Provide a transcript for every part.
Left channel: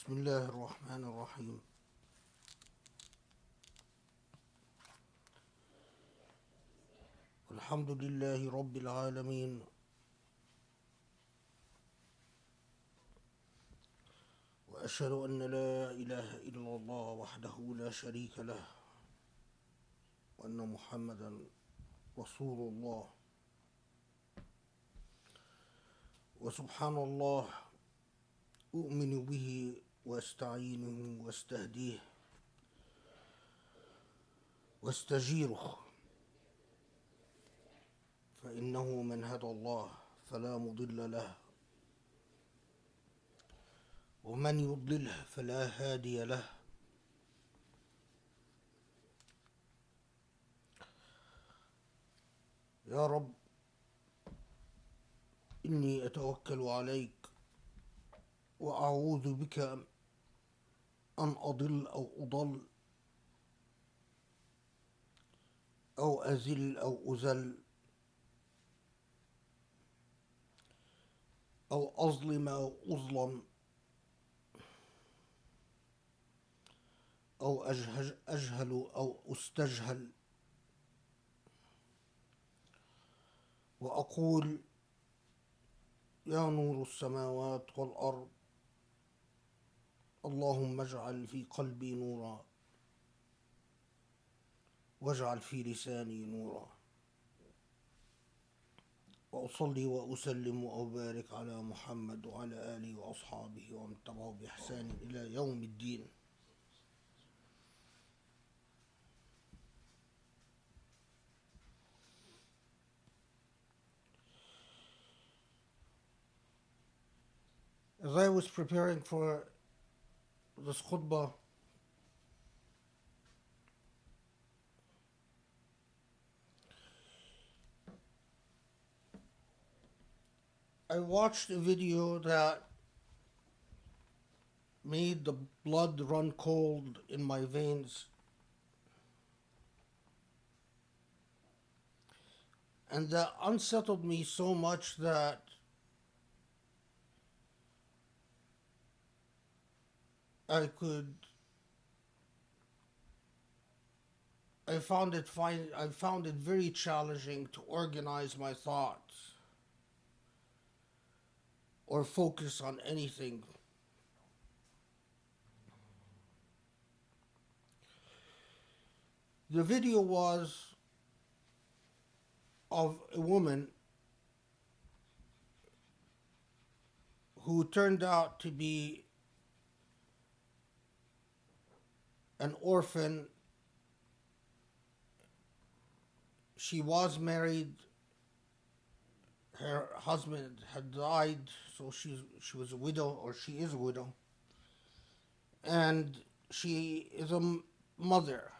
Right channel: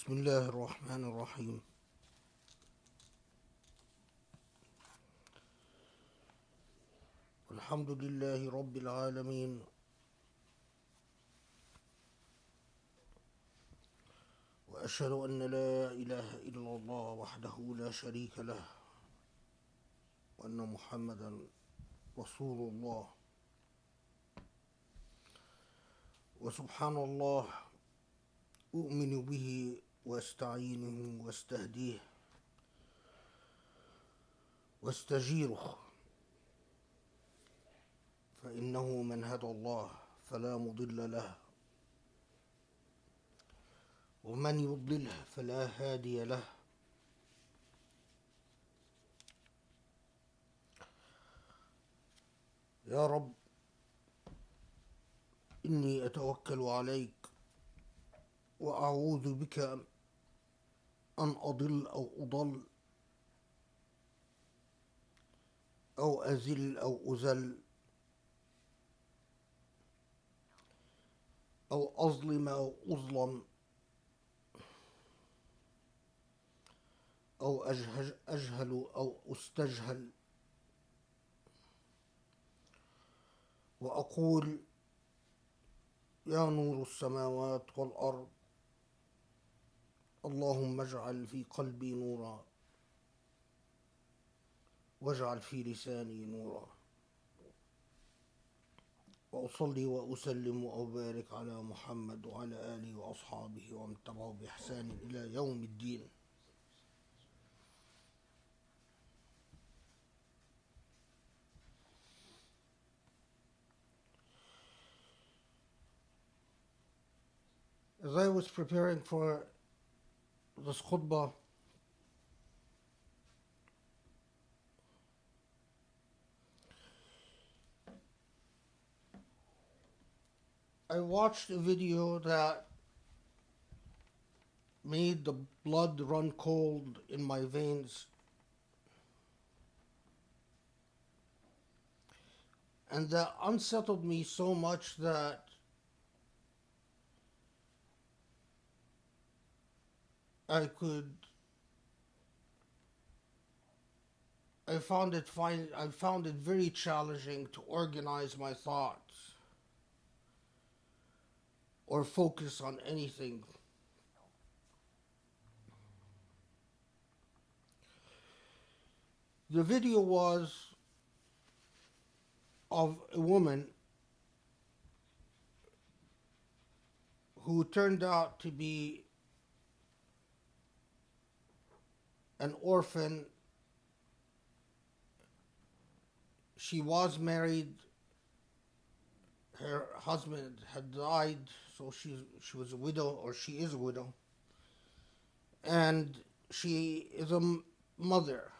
بسم الله الرحمن الرحيم. الحمد لله رب العالمين، وأشهد أن لا إله إلا الله وحده لا شريك له، وأن محمدا رسول الله. وسبحان الله، أؤمن به وأستعينه وأستهديه واستجيره، فإنه من هدى الله فلا مضل له، ومن يضلله فلا هادي له. يا رب، إني أتوكل عليك وأعوذ بك أن أضل أو أضل أو أزل أو أزل أو أظلم أو أظلم أو أجهل أو أستجهل، وأقول: يا نور السماوات والأرض، اللهم اجعل في قلبي نورا، واجعل في لساني نورا. وأصلي وأسلم وأبارك على محمد وعلى آله وأصحابه ومن تبعه بإحسان إلى يوم الدين. As I was preparing for this khutbah, I watched a video that made the blood run cold in my veins, and that unsettled me so much that I found it very challenging to organize my thoughts or focus on anything. The video was of a woman who turned out to be an orphan. She was married. Her husband had died, so she was a widow, or she is a widow. And she is a mother.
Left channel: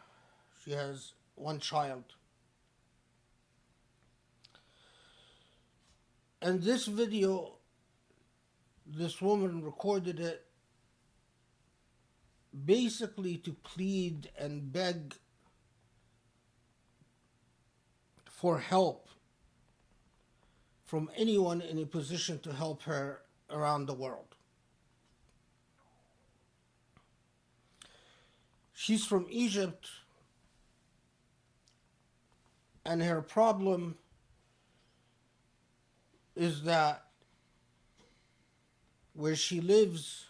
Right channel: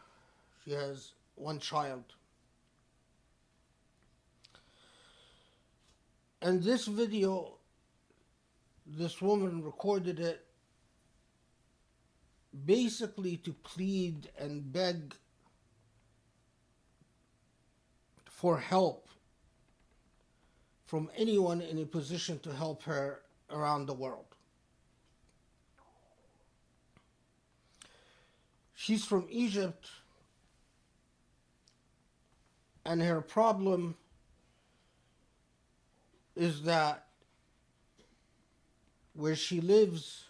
She has one child. And this video, this woman recorded it basically to plead and beg for help from anyone in a position to help her around the world. She's from Egypt, and her problem is that where she lives,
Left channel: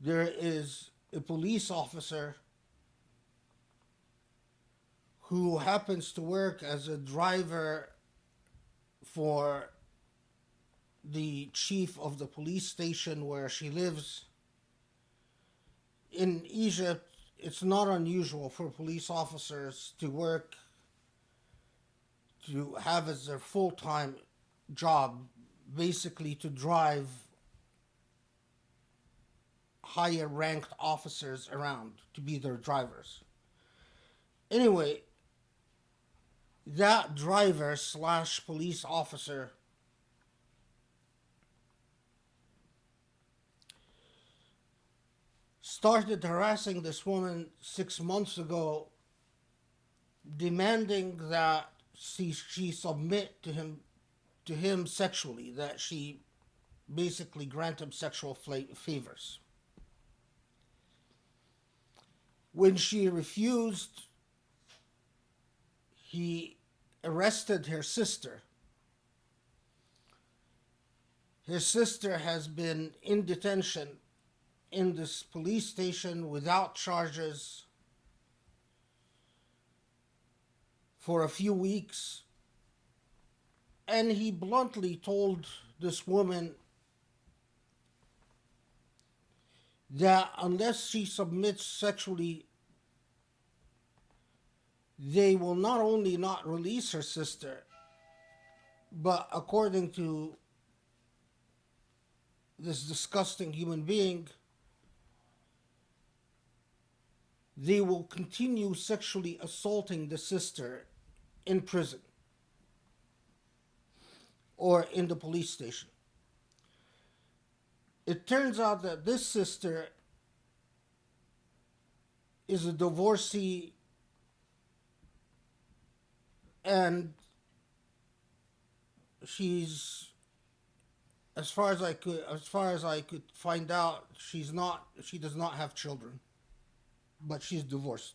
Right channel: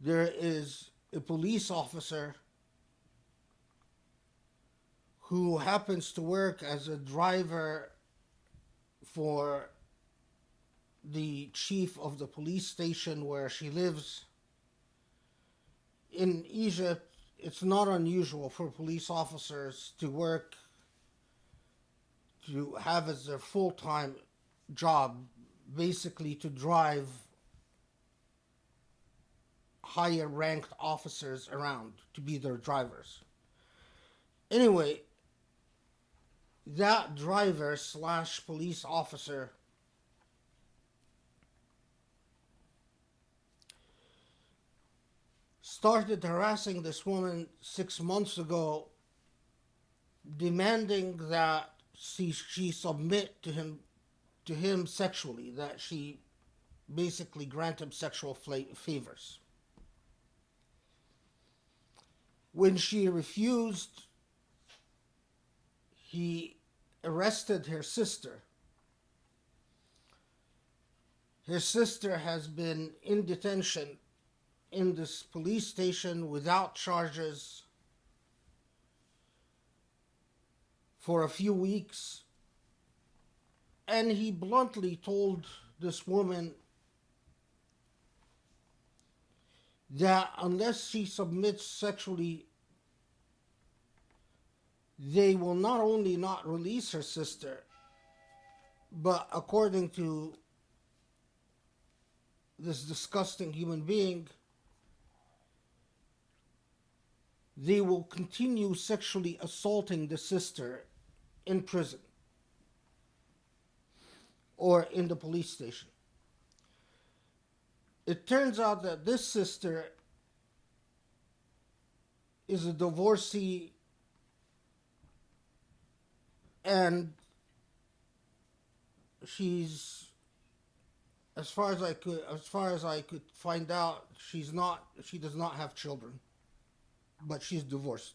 there is a police officer who happens to work as a driver for the chief of the police station where she lives. In Egypt, it's not unusual for police officers to have as their full-time job, basically to drive higher ranked officers around, to be their drivers. Anyway, that driver / police officer started harassing this woman 6 months ago, demanding that she submit to him sexually, that she basically grant him sexual favors. When she refused, he arrested her sister. Her sister has been in detention in this police station without charges for a few weeks. And he bluntly told this woman that unless she submits sexually, they will not only not release her sister, but according to this disgusting human being, they will continue sexually assaulting the sister in prison or in the police station. It turns out that this sister is a divorcee, and she's, as far as I could find out, she does not have children, but she's divorced.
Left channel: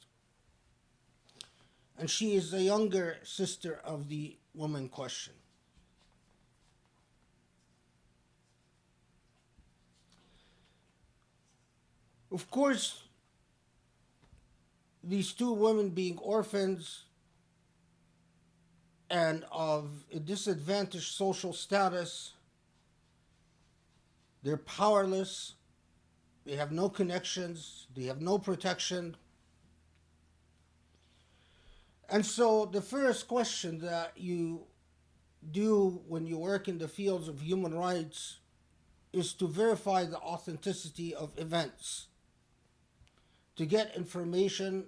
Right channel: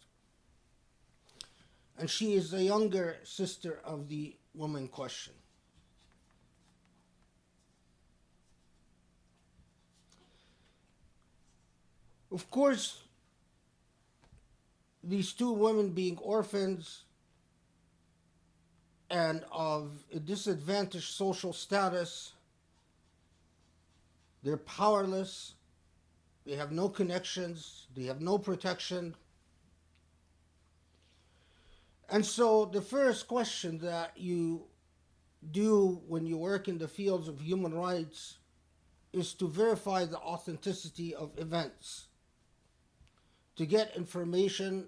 And she is the younger sister of the woman in question. Of course, these two women being orphans and of a disadvantaged social status, they're powerless, they have no connections, they have no protection. And so the first question that you do when you work in the fields of human rights is to verify the authenticity of events, to get information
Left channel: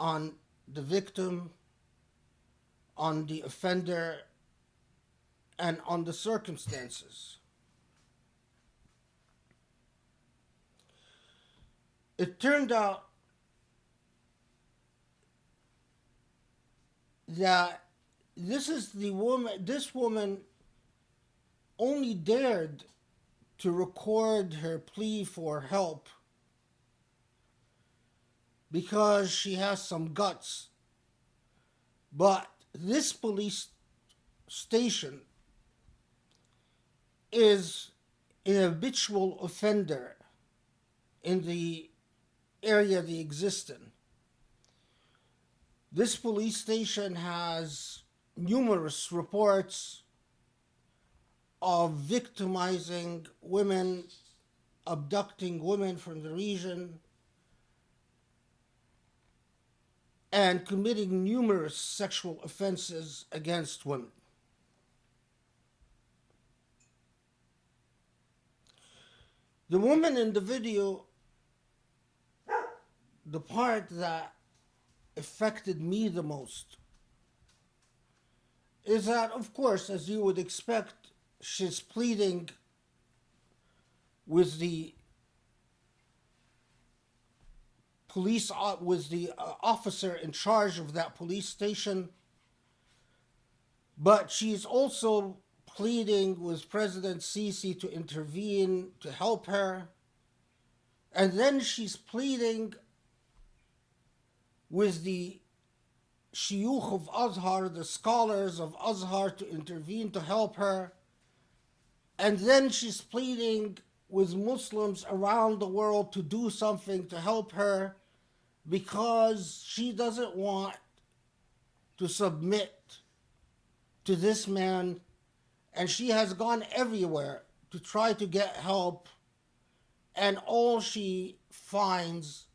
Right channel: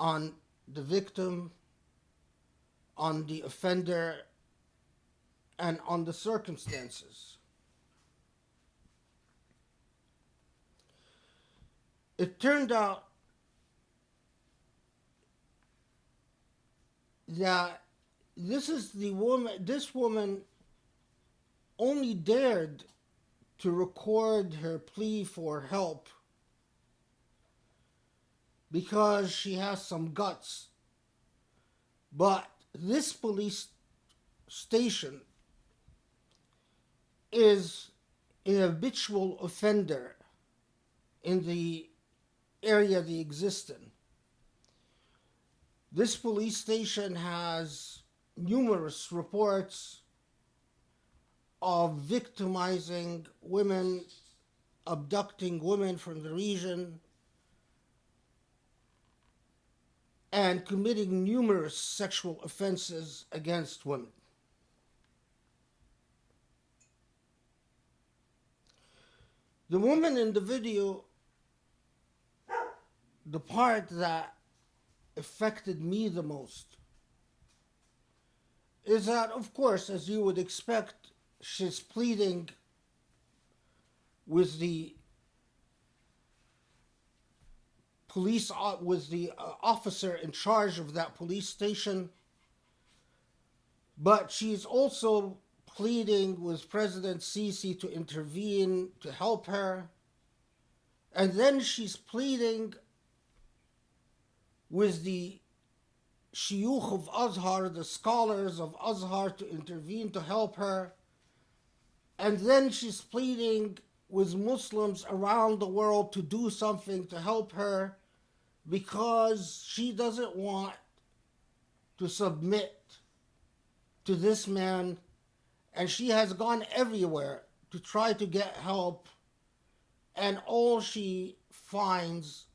on the victim, on the offender, and on the circumstances. It turned out that this woman only dared to record her plea for help because she has some guts. But this police station is an habitual offender in the area they exist in. This police station has numerous reports of victimizing women, abducting women from the region, and committing numerous sexual offenses against women. The woman in the video, the part that affected me the most is that, of course, as you would expect, she's pleading with the officer in charge of that police station, but she's also pleading with President Sisi to intervene, to help her, and then she's pleading with the shuyukh of Azhar, the scholars of Azhar, to intervene, to help her, and then she's pleading with Muslims around the world to do something to help her, because she doesn't want to submit to this man, and she has gone everywhere to try to get help, and all she finds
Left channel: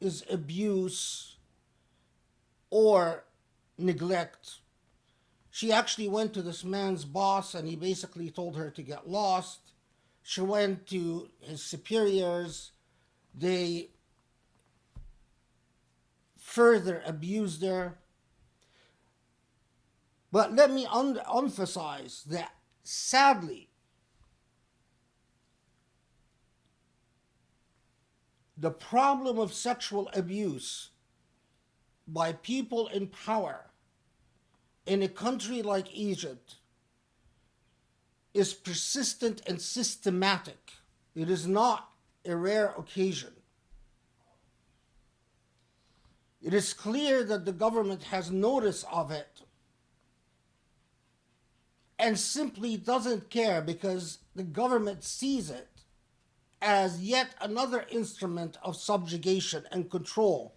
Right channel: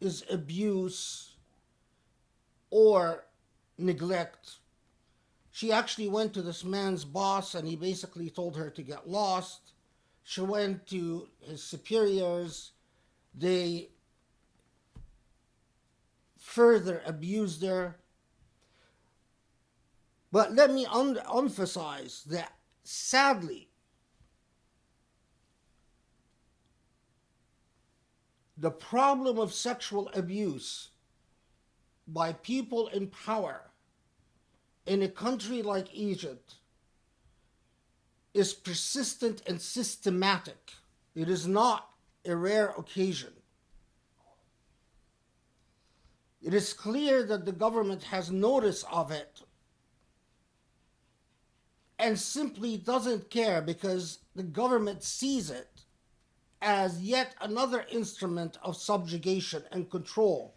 is abuse or neglect. She actually went to this man's boss, and he basically told her to get lost. She went to his superiors. They further abused her. But let me emphasize that, sadly, the problem of sexual abuse by people in power in a country like Egypt is persistent and systematic. It is not a rare occasion. It is clear that the government has notice of it and simply doesn't care, because the government sees it as yet another instrument of subjugation and control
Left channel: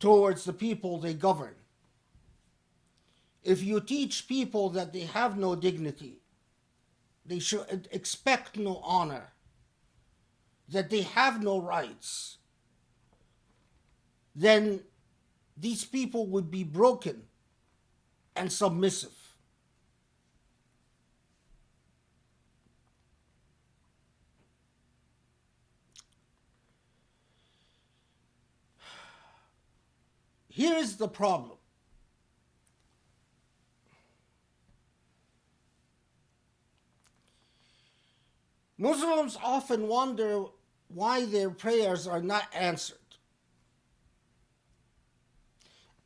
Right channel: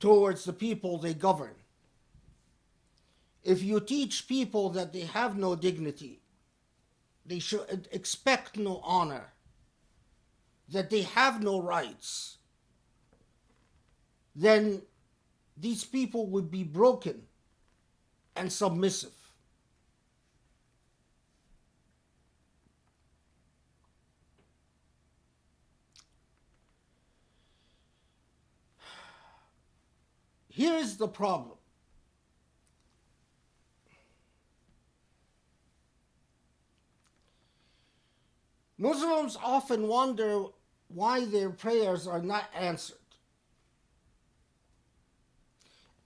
towards the people they govern. If you teach people that they have no dignity, they should expect no honor, that they have no rights, then these people would be broken and submissive. Here's the problem. Muslims often wonder why their prayers are not answered,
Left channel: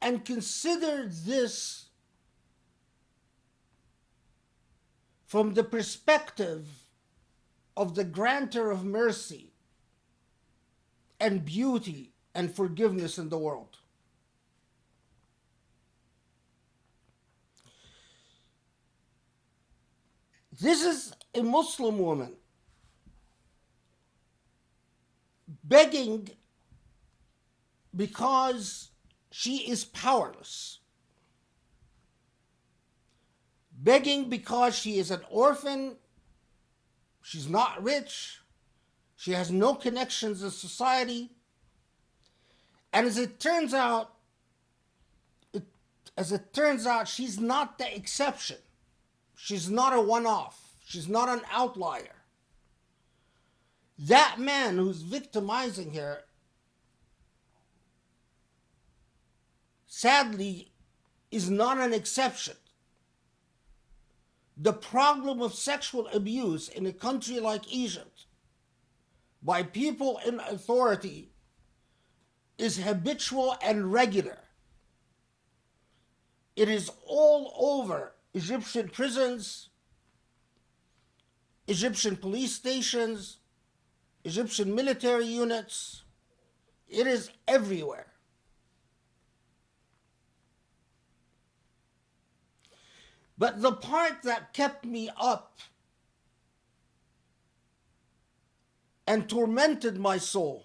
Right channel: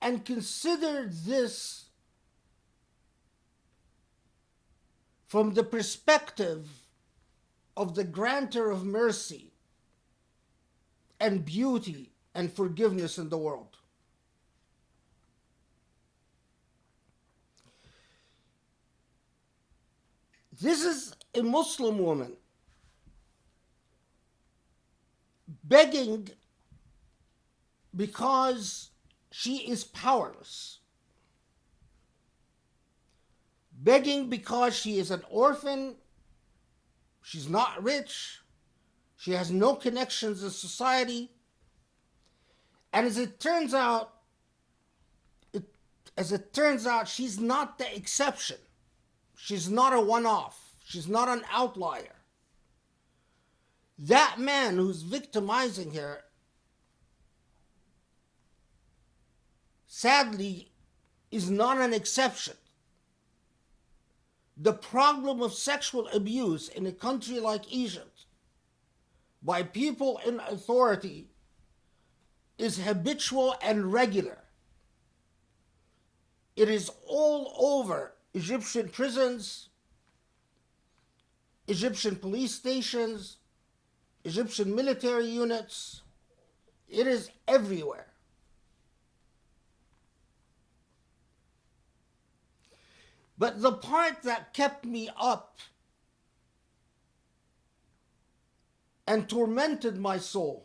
and consider this from the perspective of the granter of mercy and beauty and forgiveness in the world. This is a Muslim woman begging because she is powerless, begging because she is an orphan, she's not rich, she has no connections in society, and as it turns out, she's not the exception. She's not a one-off. She's not an outlier. That man who's victimizing her, sadly, is not an exception. The problem of sexual abuse in a country like Egypt by people in authority is habitual and regular. It is all over Egyptian prisons, Egyptian police stations, Egyptian military units. It is everywhere. But the part that kept me up and tormented my soul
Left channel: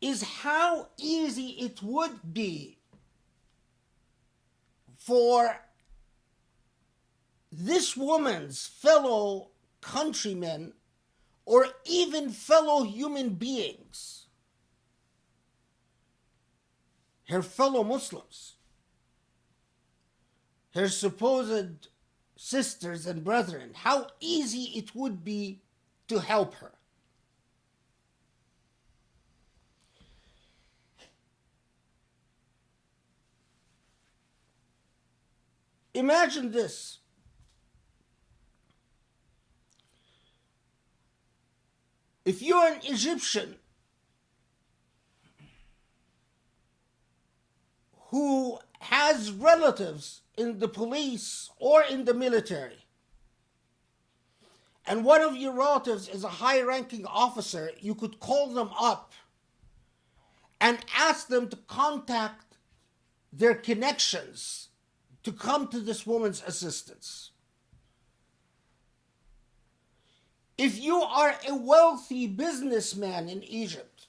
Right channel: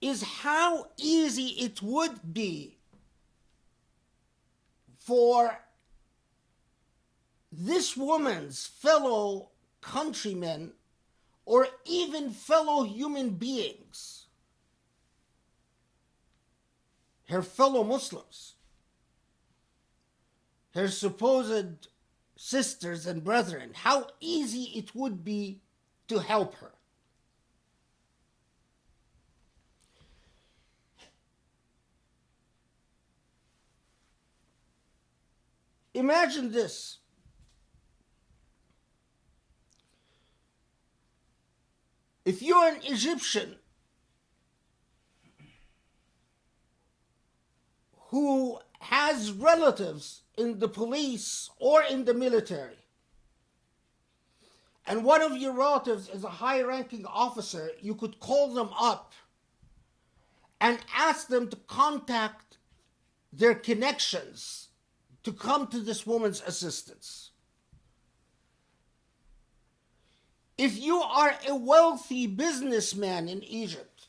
is how easy it would be for this woman's fellow countrymen or even fellow human beings, her fellow Muslims, her supposed sisters and brethren, how easy it would be to help her. Imagine this. If you're an Egyptian who has relatives in the police or in the military, and one of your relatives is a high-ranking officer, you could call them up and ask them to contact their connections to come to this woman's assistance. If you are a wealthy businessman in Egypt,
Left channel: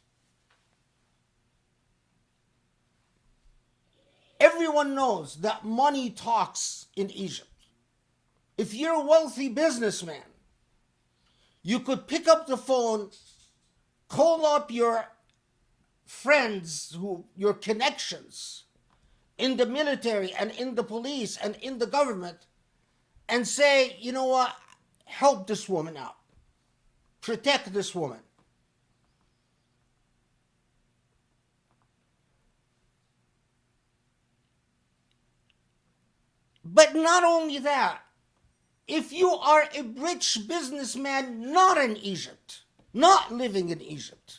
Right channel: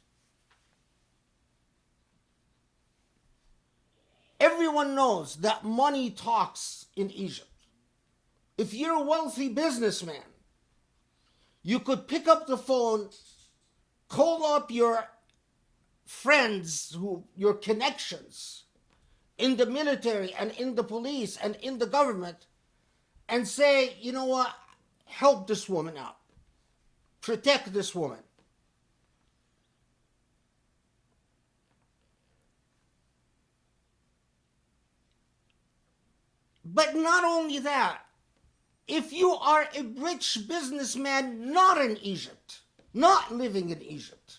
everyone knows that money talks in Egypt. If you're a wealthy businessman, you could pick up the phone, call up your friends, your connections in the military and in the police and in the government, and say, you know what, help this woman out. Protect this woman. But not only that, if you are a rich businessman not in Egypt, not living in Egypt,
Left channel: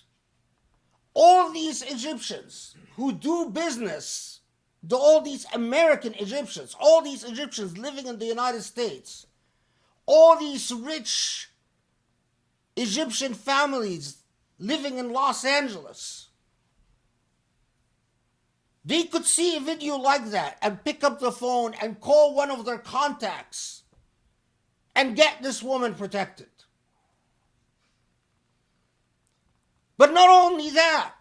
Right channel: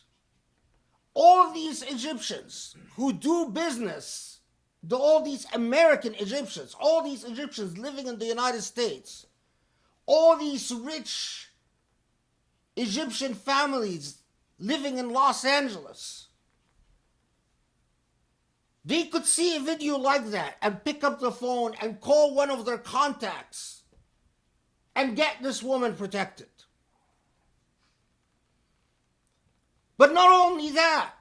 all these Egyptians who do business all these American Egyptians, all these Egyptians living in the United States, all these rich Egyptian families living in Los Angeles, they could see a video like that and pick up the phone and call one of their contacts and get this woman protected. But not only that,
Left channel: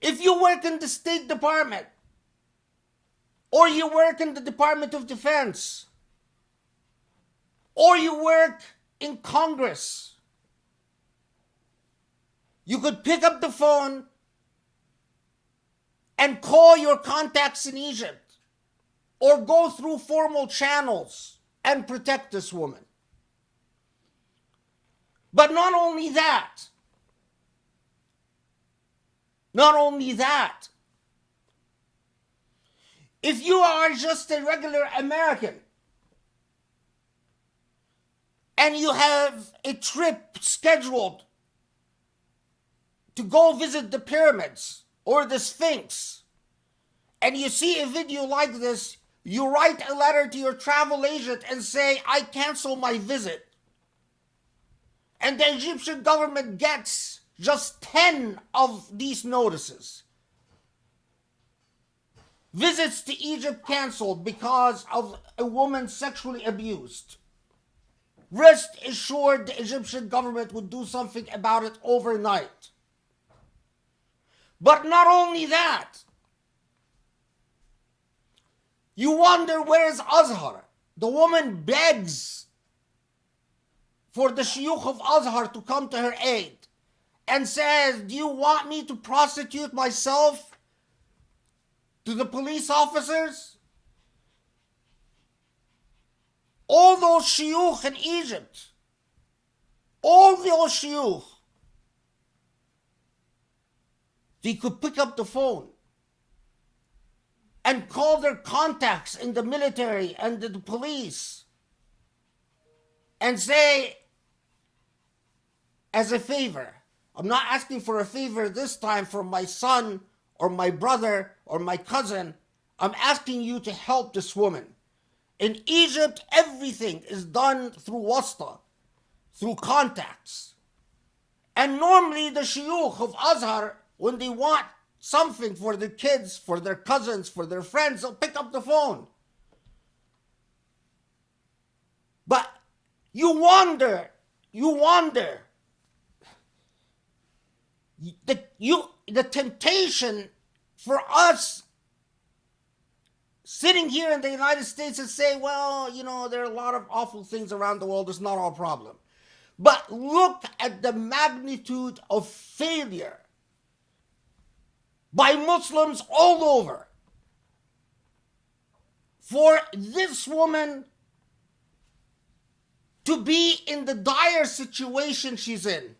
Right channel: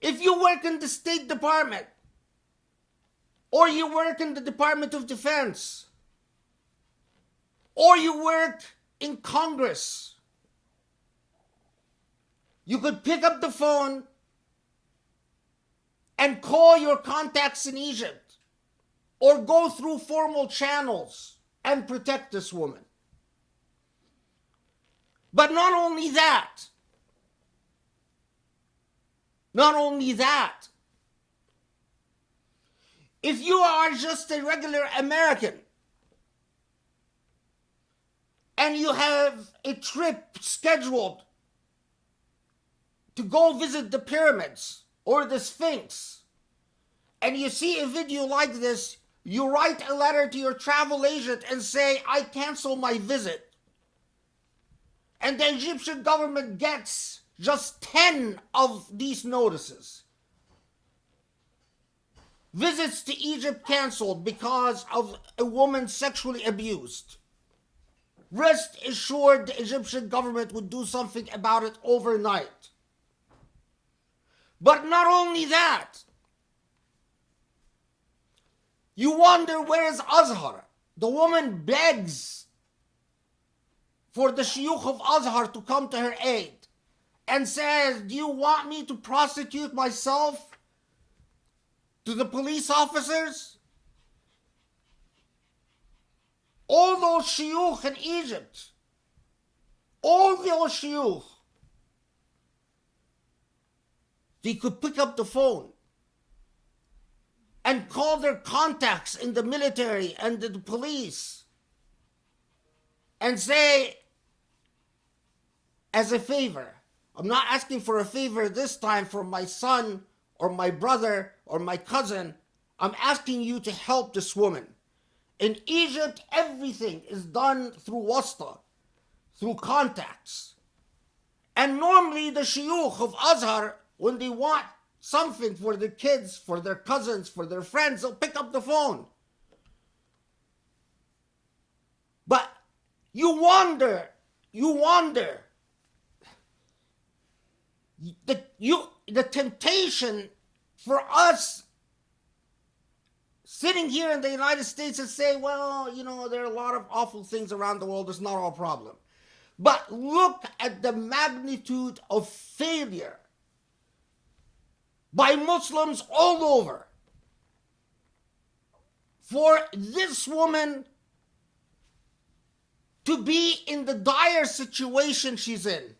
if you work in the State Department or you work in the Department of Defense or you work in Congress, you could pick up the phone and call your contacts in Egypt or go through formal channels and protect this woman. But not only that, if you are just a regular American and you have a trip scheduled to go visit the pyramids or the Sphinx, and you see a video like this, you write a letter to your travel agent and say, I cancel my visit. And the Egyptian government gets just 10 of these notices. Visits to Egypt canceled because of a woman sexually abused. Rest assured the Egyptian government would do something about it overnight. But not only that, you wonder, where's Azhar? The woman begs for the Shuyukh of Azhar to come to her aid and says, do you want me to prosecute myself to the police officers? All those Shuyukh in Egypt, all those Shuyukh, they could pick up the phone and call their contacts in the military and the police and say, as a favor, I'm not asking for a favor this time for my son or my brother or my cousin, I'm asking you to help this woman. In Egypt, everything is done through wasta, through contacts. And normally the Shuyukh of Azhar, when they want something for their kids, for their cousins, for their friends, they'll pick up the phone. But you wonder, the temptation for us sitting here in the United States and say, well, there are a lot of awful things around the world, it's not our problem. But look at the magnitude of failure by Muslims all over for this woman to be in the dire situation she's in.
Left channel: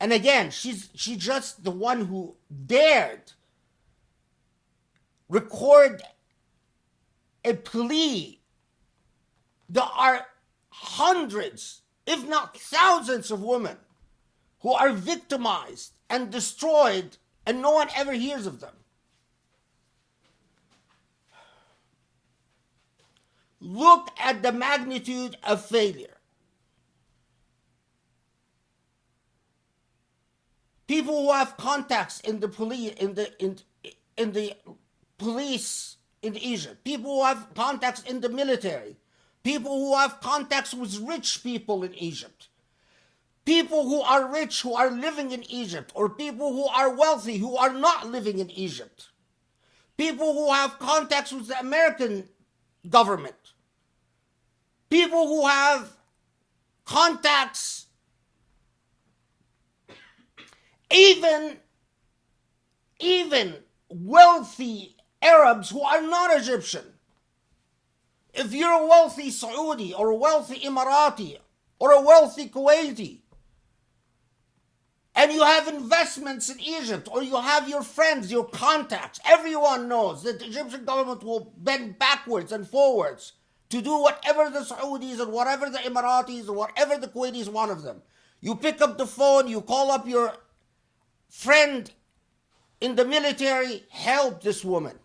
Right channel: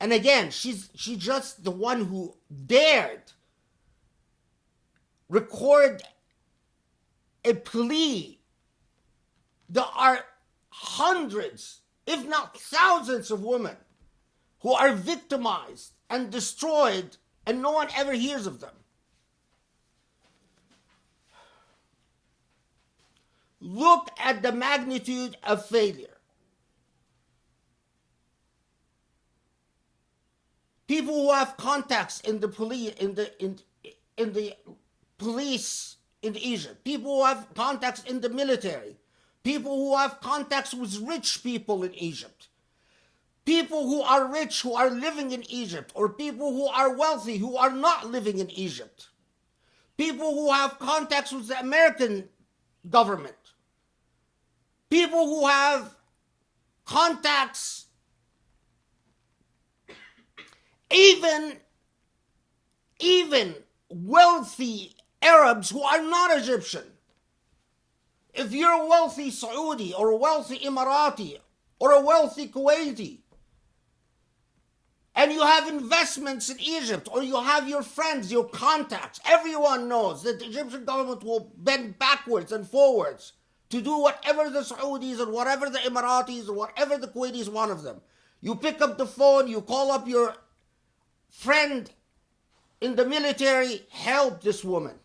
And again, she's just the one who dared record a plea. There are hundreds, if not thousands of women who are victimized and destroyed and no one ever hears of them. Look at the magnitude of failure. People who have contacts in the police in Egypt, people who have contacts in the military, people who have contacts with rich people in Egypt, people who are rich who are living in Egypt, or people who are wealthy who are not living in Egypt, people who have contacts with the American government, people who have contacts, even wealthy Arabs who are not Egyptian. If you're a wealthy Saudi or a wealthy Emirati or a wealthy Kuwaiti, and you have investments in Egypt, or you have your friends, your contacts, everyone knows that the Egyptian government will bend backwards and forwards to do whatever the Saudis and whatever the Emiratis or whatever the Kuwaitis want of them. You pick up the phone, you call up your friend in the military, help this woman.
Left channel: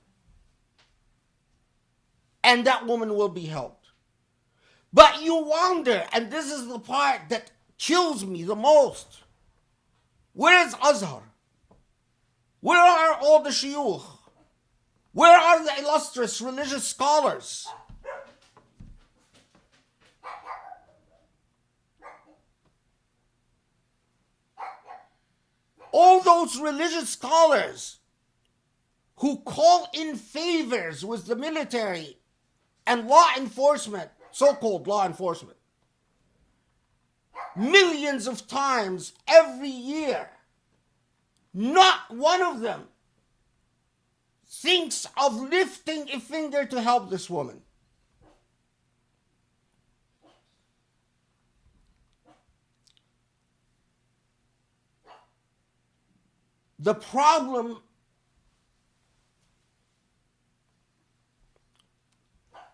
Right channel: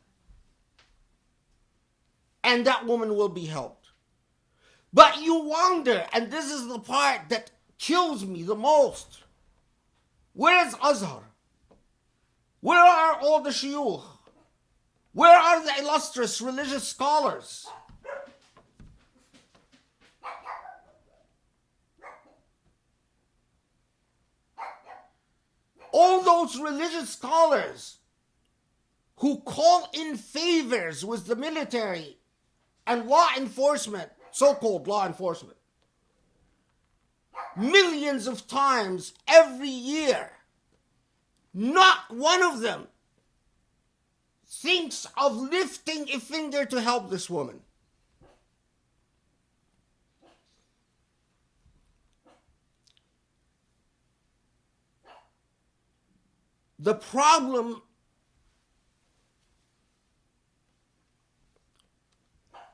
And that woman will be helped. But you wonder, and this is the part that kills me the most, where is Azhar? Where are all the shuyukh? Where are the illustrious religious scholars? All those religious scholars who call in favors with the military and law enforcement, so-called law enforcement, millions of times every year, not one of them thinks of lifting a finger to help this woman. The problem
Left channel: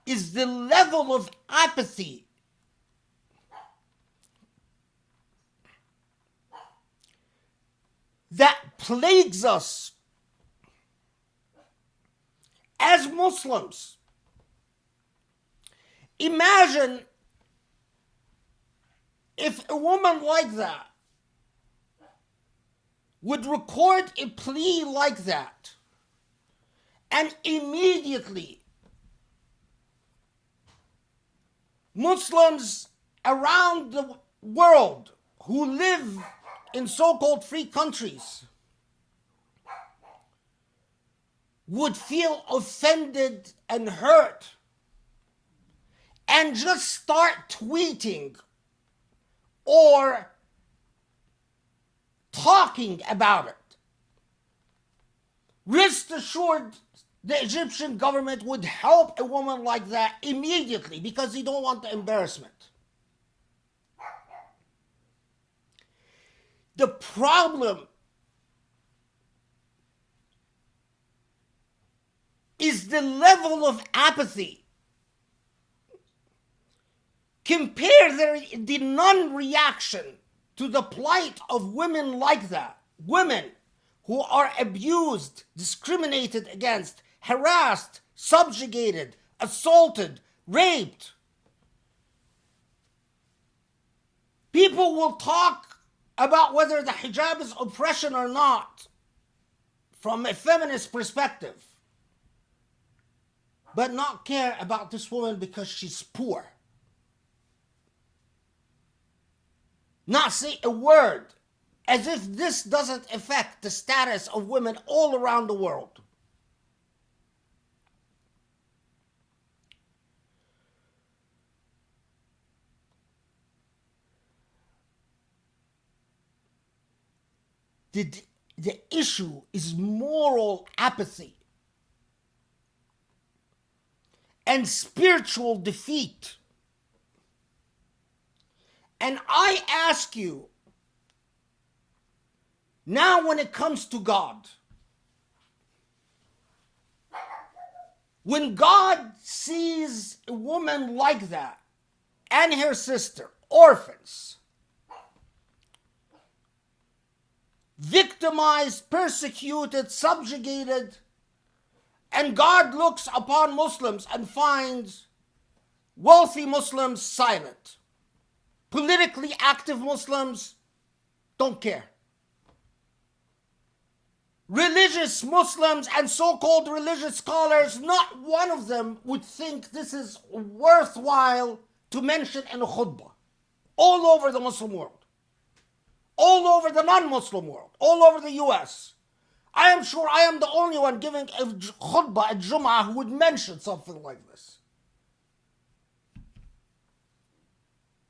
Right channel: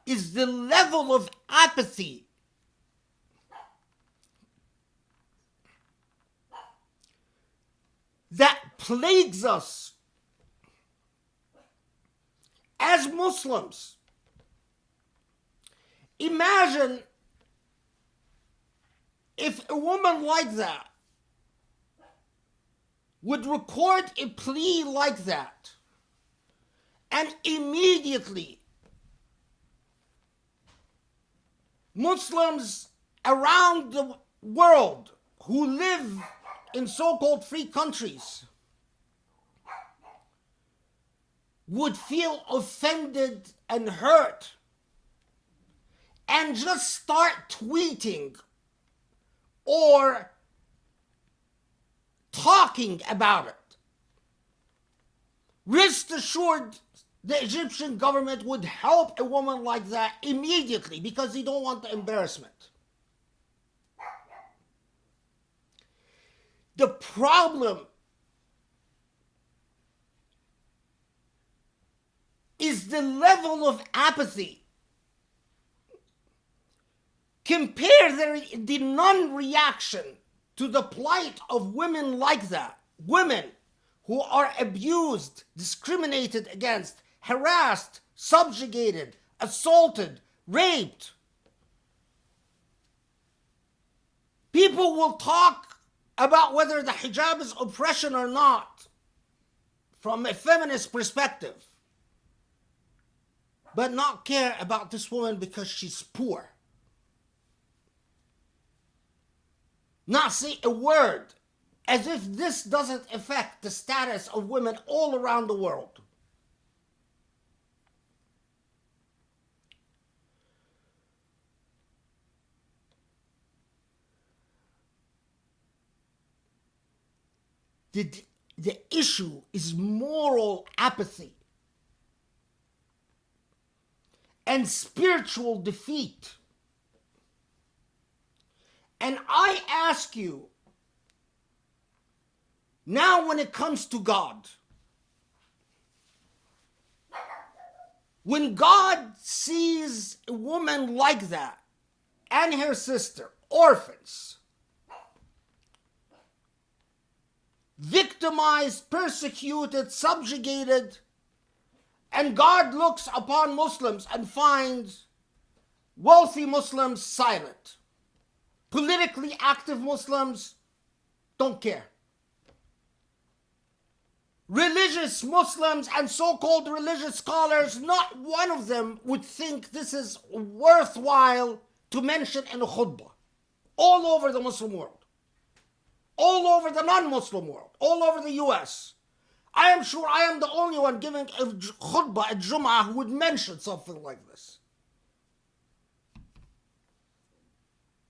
is the level of apathy that plagues us as Muslims. Imagine if a woman like that would record a plea like that, and immediately Muslims around the world who live in so-called free countries would feel offended and hurt and just start tweeting or talking about it. Rest assured, the Egyptian government would help a woman like that immediately because they don't want the embarrassment. The problem is the level of apathy. Compare the non-reaction to the plight of women like that. Women who are abused, discriminated against, harassed, subjugated, assaulted, raped. People will talk about whether the hijab is oppression or not from a feminist perspective, but not care about this woman because she's poor. Not say a word, as if this doesn't affect the status of women all around the world. The issue is moral apathy and spiritual defeat. And I ask you, now when it comes to God, when God sees a woman like that and her sister, orphans, victimized, persecuted, subjugated, and God looks upon Muslims and finds wealthy Muslims silent. Politically active Muslims don't care. Religious Muslims and so-called religious scholars, not one of them would think this is worthwhile to mention in a khutbah. All over the Muslim world. All over the non-Muslim world. All over the US. I am sure I am the only one giving a khutbah at Jum'ah who would mention something like this.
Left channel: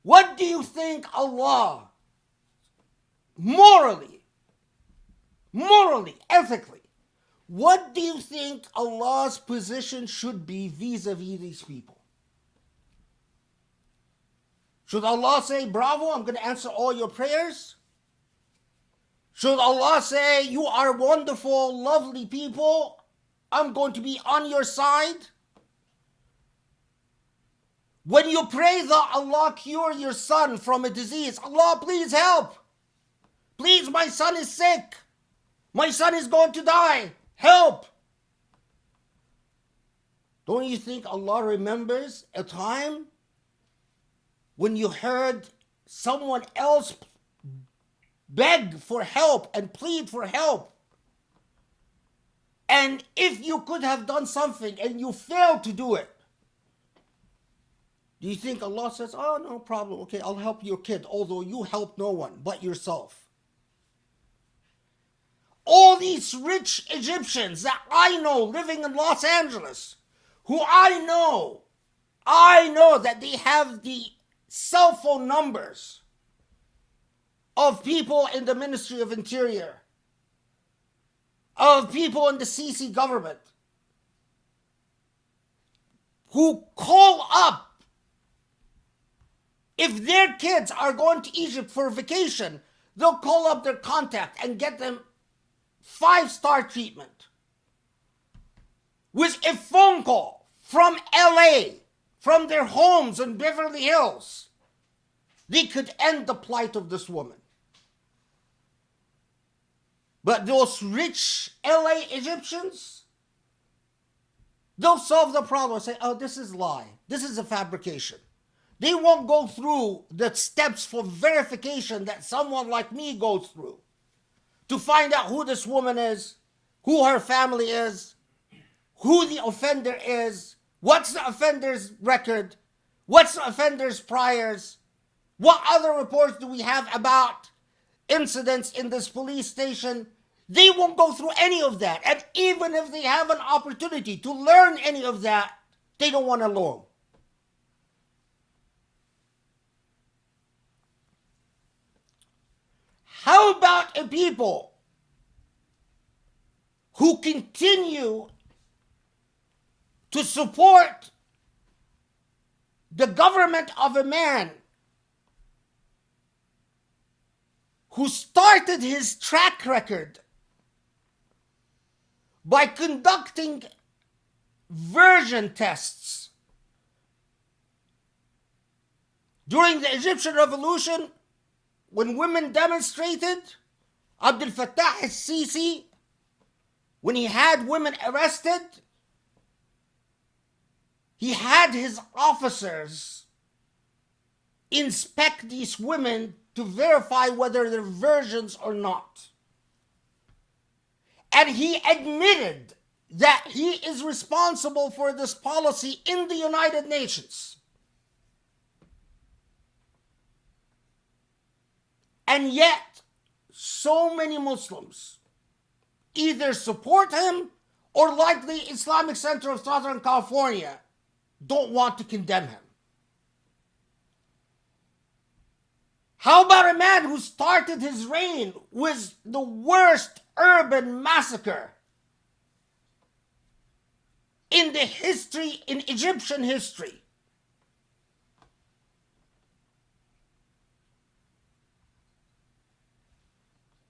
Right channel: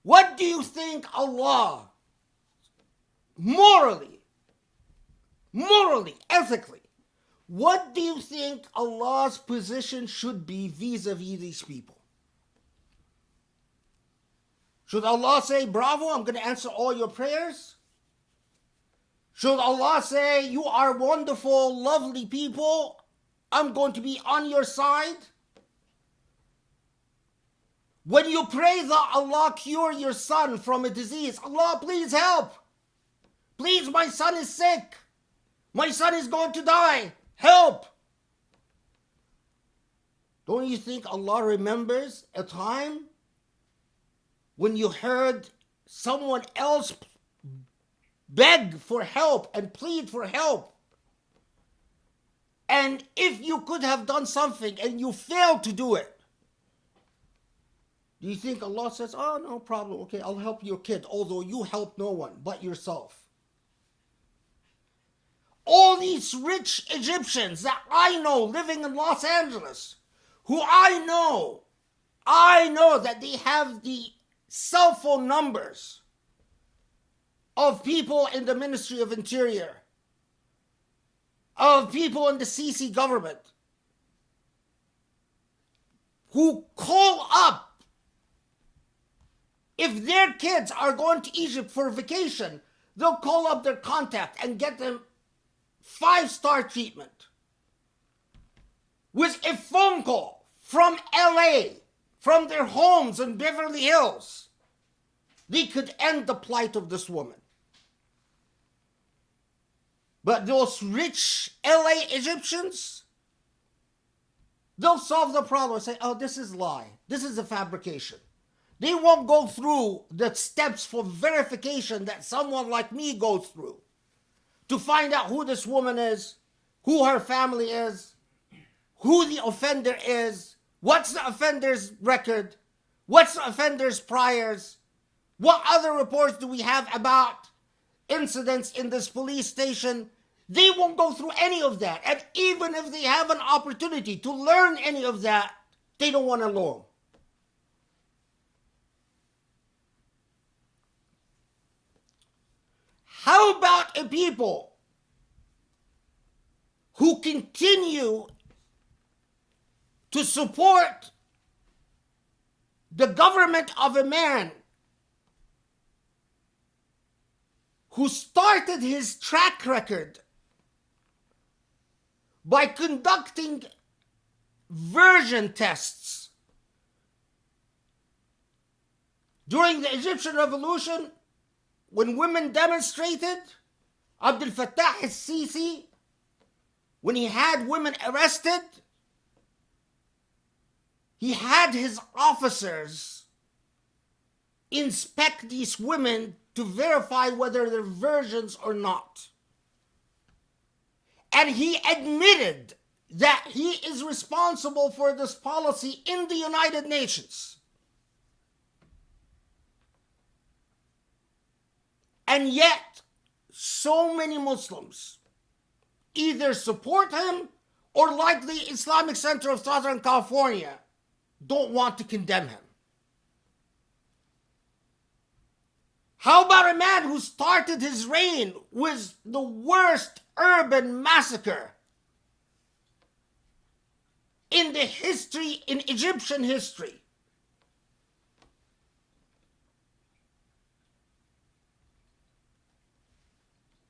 What do you think Allah, morally, ethically, what do you think Allah's position should be vis-a-vis these people? Should Allah say, bravo, I'm going to answer all your prayers? Should Allah say, you are wonderful, lovely people, I'm going to be on your side? When you pray that Allah cure your son from a disease, Allah please help. Please, my son is sick. My son is going to die. Help! Don't you think Allah remembers a time when you heard someone else beg for help and plead for help? And if you could have done something and you failed to do it, do you think Allah says, oh, no problem, okay, I'll help your kid, although you helped no one but yourself? All these rich Egyptians that I know living in Los Angeles, who I know that they have the cell phone numbers of people in the Ministry of Interior, of people in the Sisi government, who call up if their kids are going to Egypt for vacation, they'll call up their contact and get them 5-star treatment with a phone call from LA, from their homes in Beverly Hills. They could end the plight of this woman. But those rich LA Egyptians, they'll solve the problem and say, oh, this is lie. This is a fabrication. They won't go through the steps for verification that someone like me goes through to find out who this woman is, who her family is, who the offender is, what's the offender's record, what's the offender's priors, what other reports do we have about incidents in this police station. They won't go through any of that. And even if they have an opportunity to learn any of that, they don't want to learn. How about a people who continue to support the government of a man who started his track record by conducting version tests during the Egyptian Revolution? When women demonstrated, Abdel Fattah al-Sisi, when he had women arrested, he had his officers inspect these women to verify whether they're virgins or not. And he admitted that he is responsible for this policy in the United Nations. And yet, so many Muslims either support him or, like the Islamic Center of Southern California, don't want to condemn him. How about a man who started his reign with the worst urban massacre in Egyptian history?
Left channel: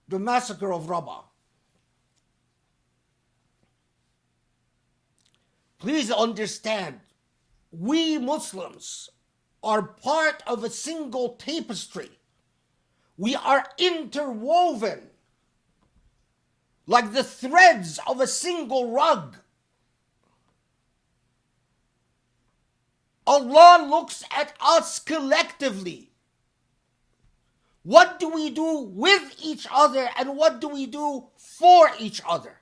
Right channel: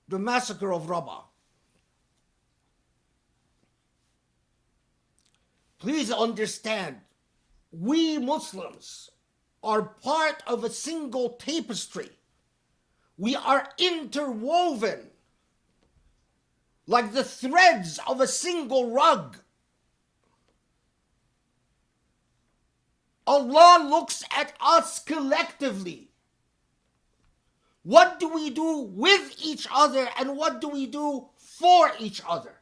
The massacre of Rabaa. Please understand, we Muslims are part of a single tapestry. We are interwoven like the threads of a single rug. Allah looks at us collectively. What do we do with each other and what do we do for each other?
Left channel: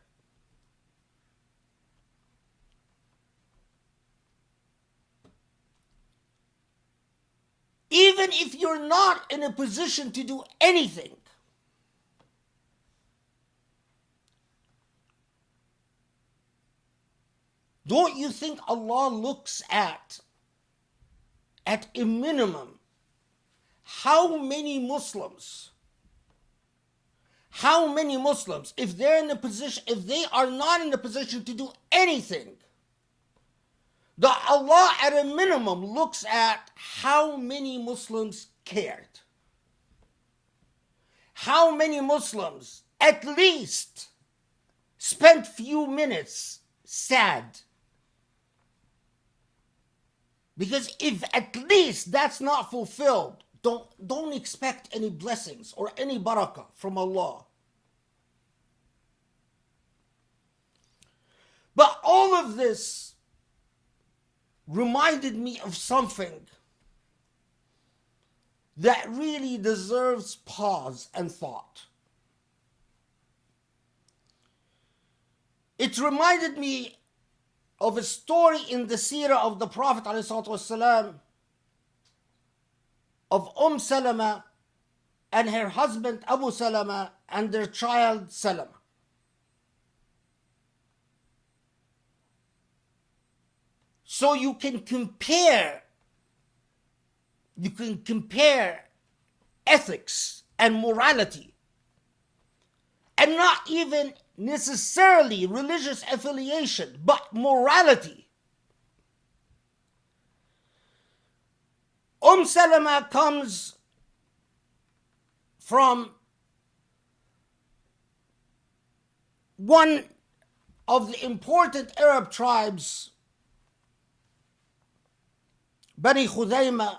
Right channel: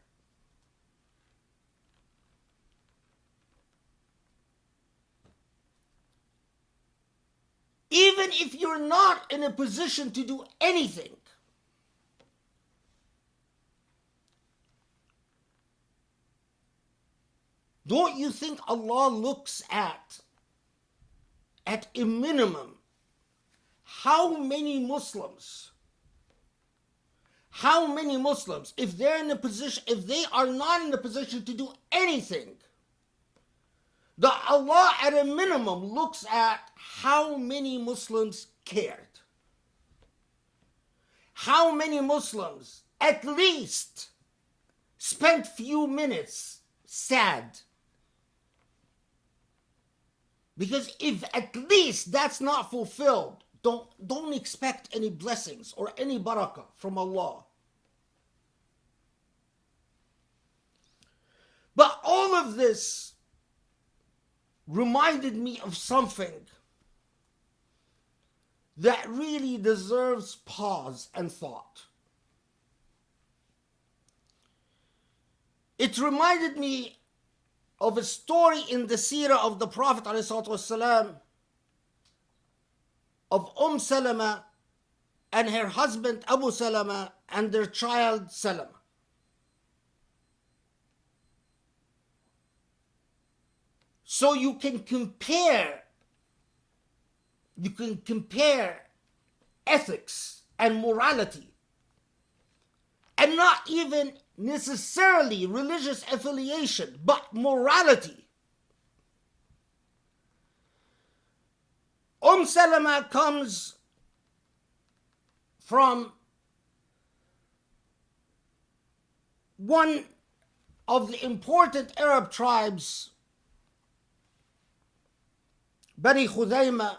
Even if you're not in a position to do anything, don't you think Allah looks at a minimum, how many Muslims, if they are not in a position to do anything, the Allah at a minimum looks at how many Muslims cared. How many Muslims at least spent few minutes sad. Because if at least that's not fulfilled, don't expect any blessings or any barakah from Allah. all of this reminded me of something that really deserves pause and thought. It reminded me of a story in the seerah of the Prophet ﷺ of Salama and her husband Abu Salama and their child Salama. So you can compare ethics and morality, and not even necessarily religious affiliation, but morality. Salama comes from one of the important Arab tribes, Bani Khudayma,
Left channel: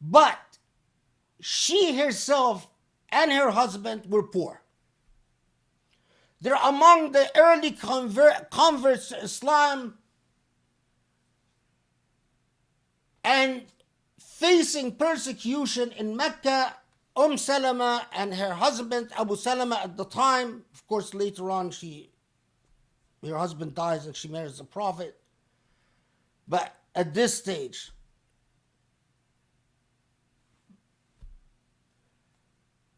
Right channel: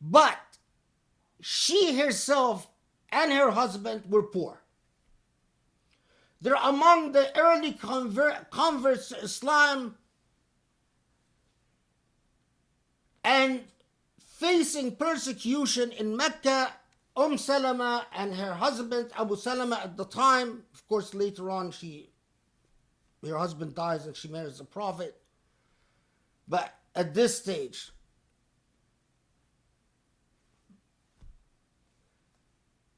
but she herself and her husband were poor. They're among the early converts to Islam and facing persecution in Mecca. Salama and her husband Abu Salama at the time, of course later on her husband dies and she marries the Prophet, but at this stage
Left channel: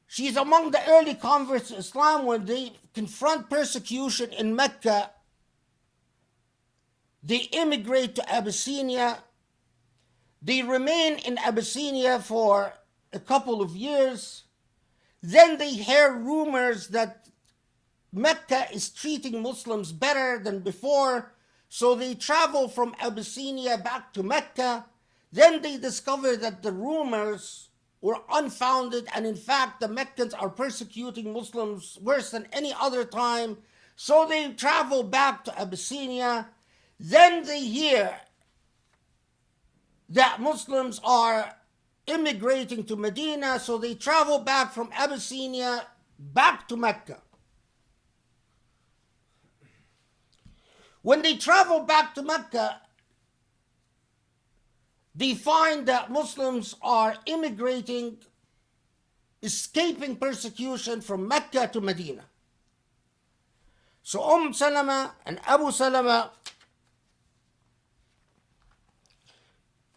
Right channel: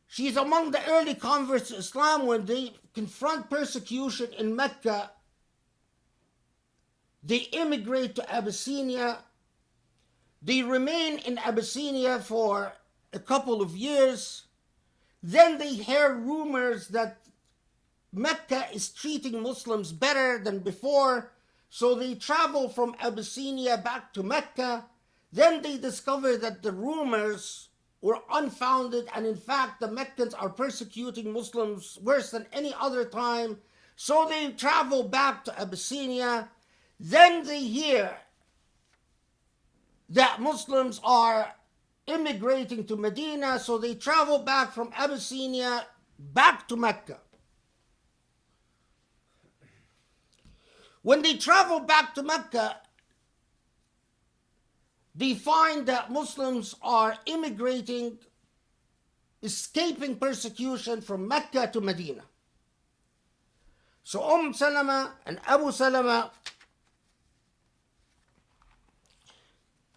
she's among the early converts to Islam. When they confront persecution in Mecca, they immigrate to Abyssinia. They remain in Abyssinia for a couple of years. Then they hear rumors that Mecca is treating Muslims better than before, so they travel from Abyssinia back to Mecca. Then they discover that the rumors were unfounded, and in fact the Meccans are persecuting Muslims worse than any other time. So they travel back to Abyssinia. Then they hear that Muslims are immigrating to Medina, so they travel back from Abyssinia back to Mecca. When they travel back to Mecca, they find that Muslims are immigrating, escaping persecution from Mecca to Medina. So Salama and Abu Salama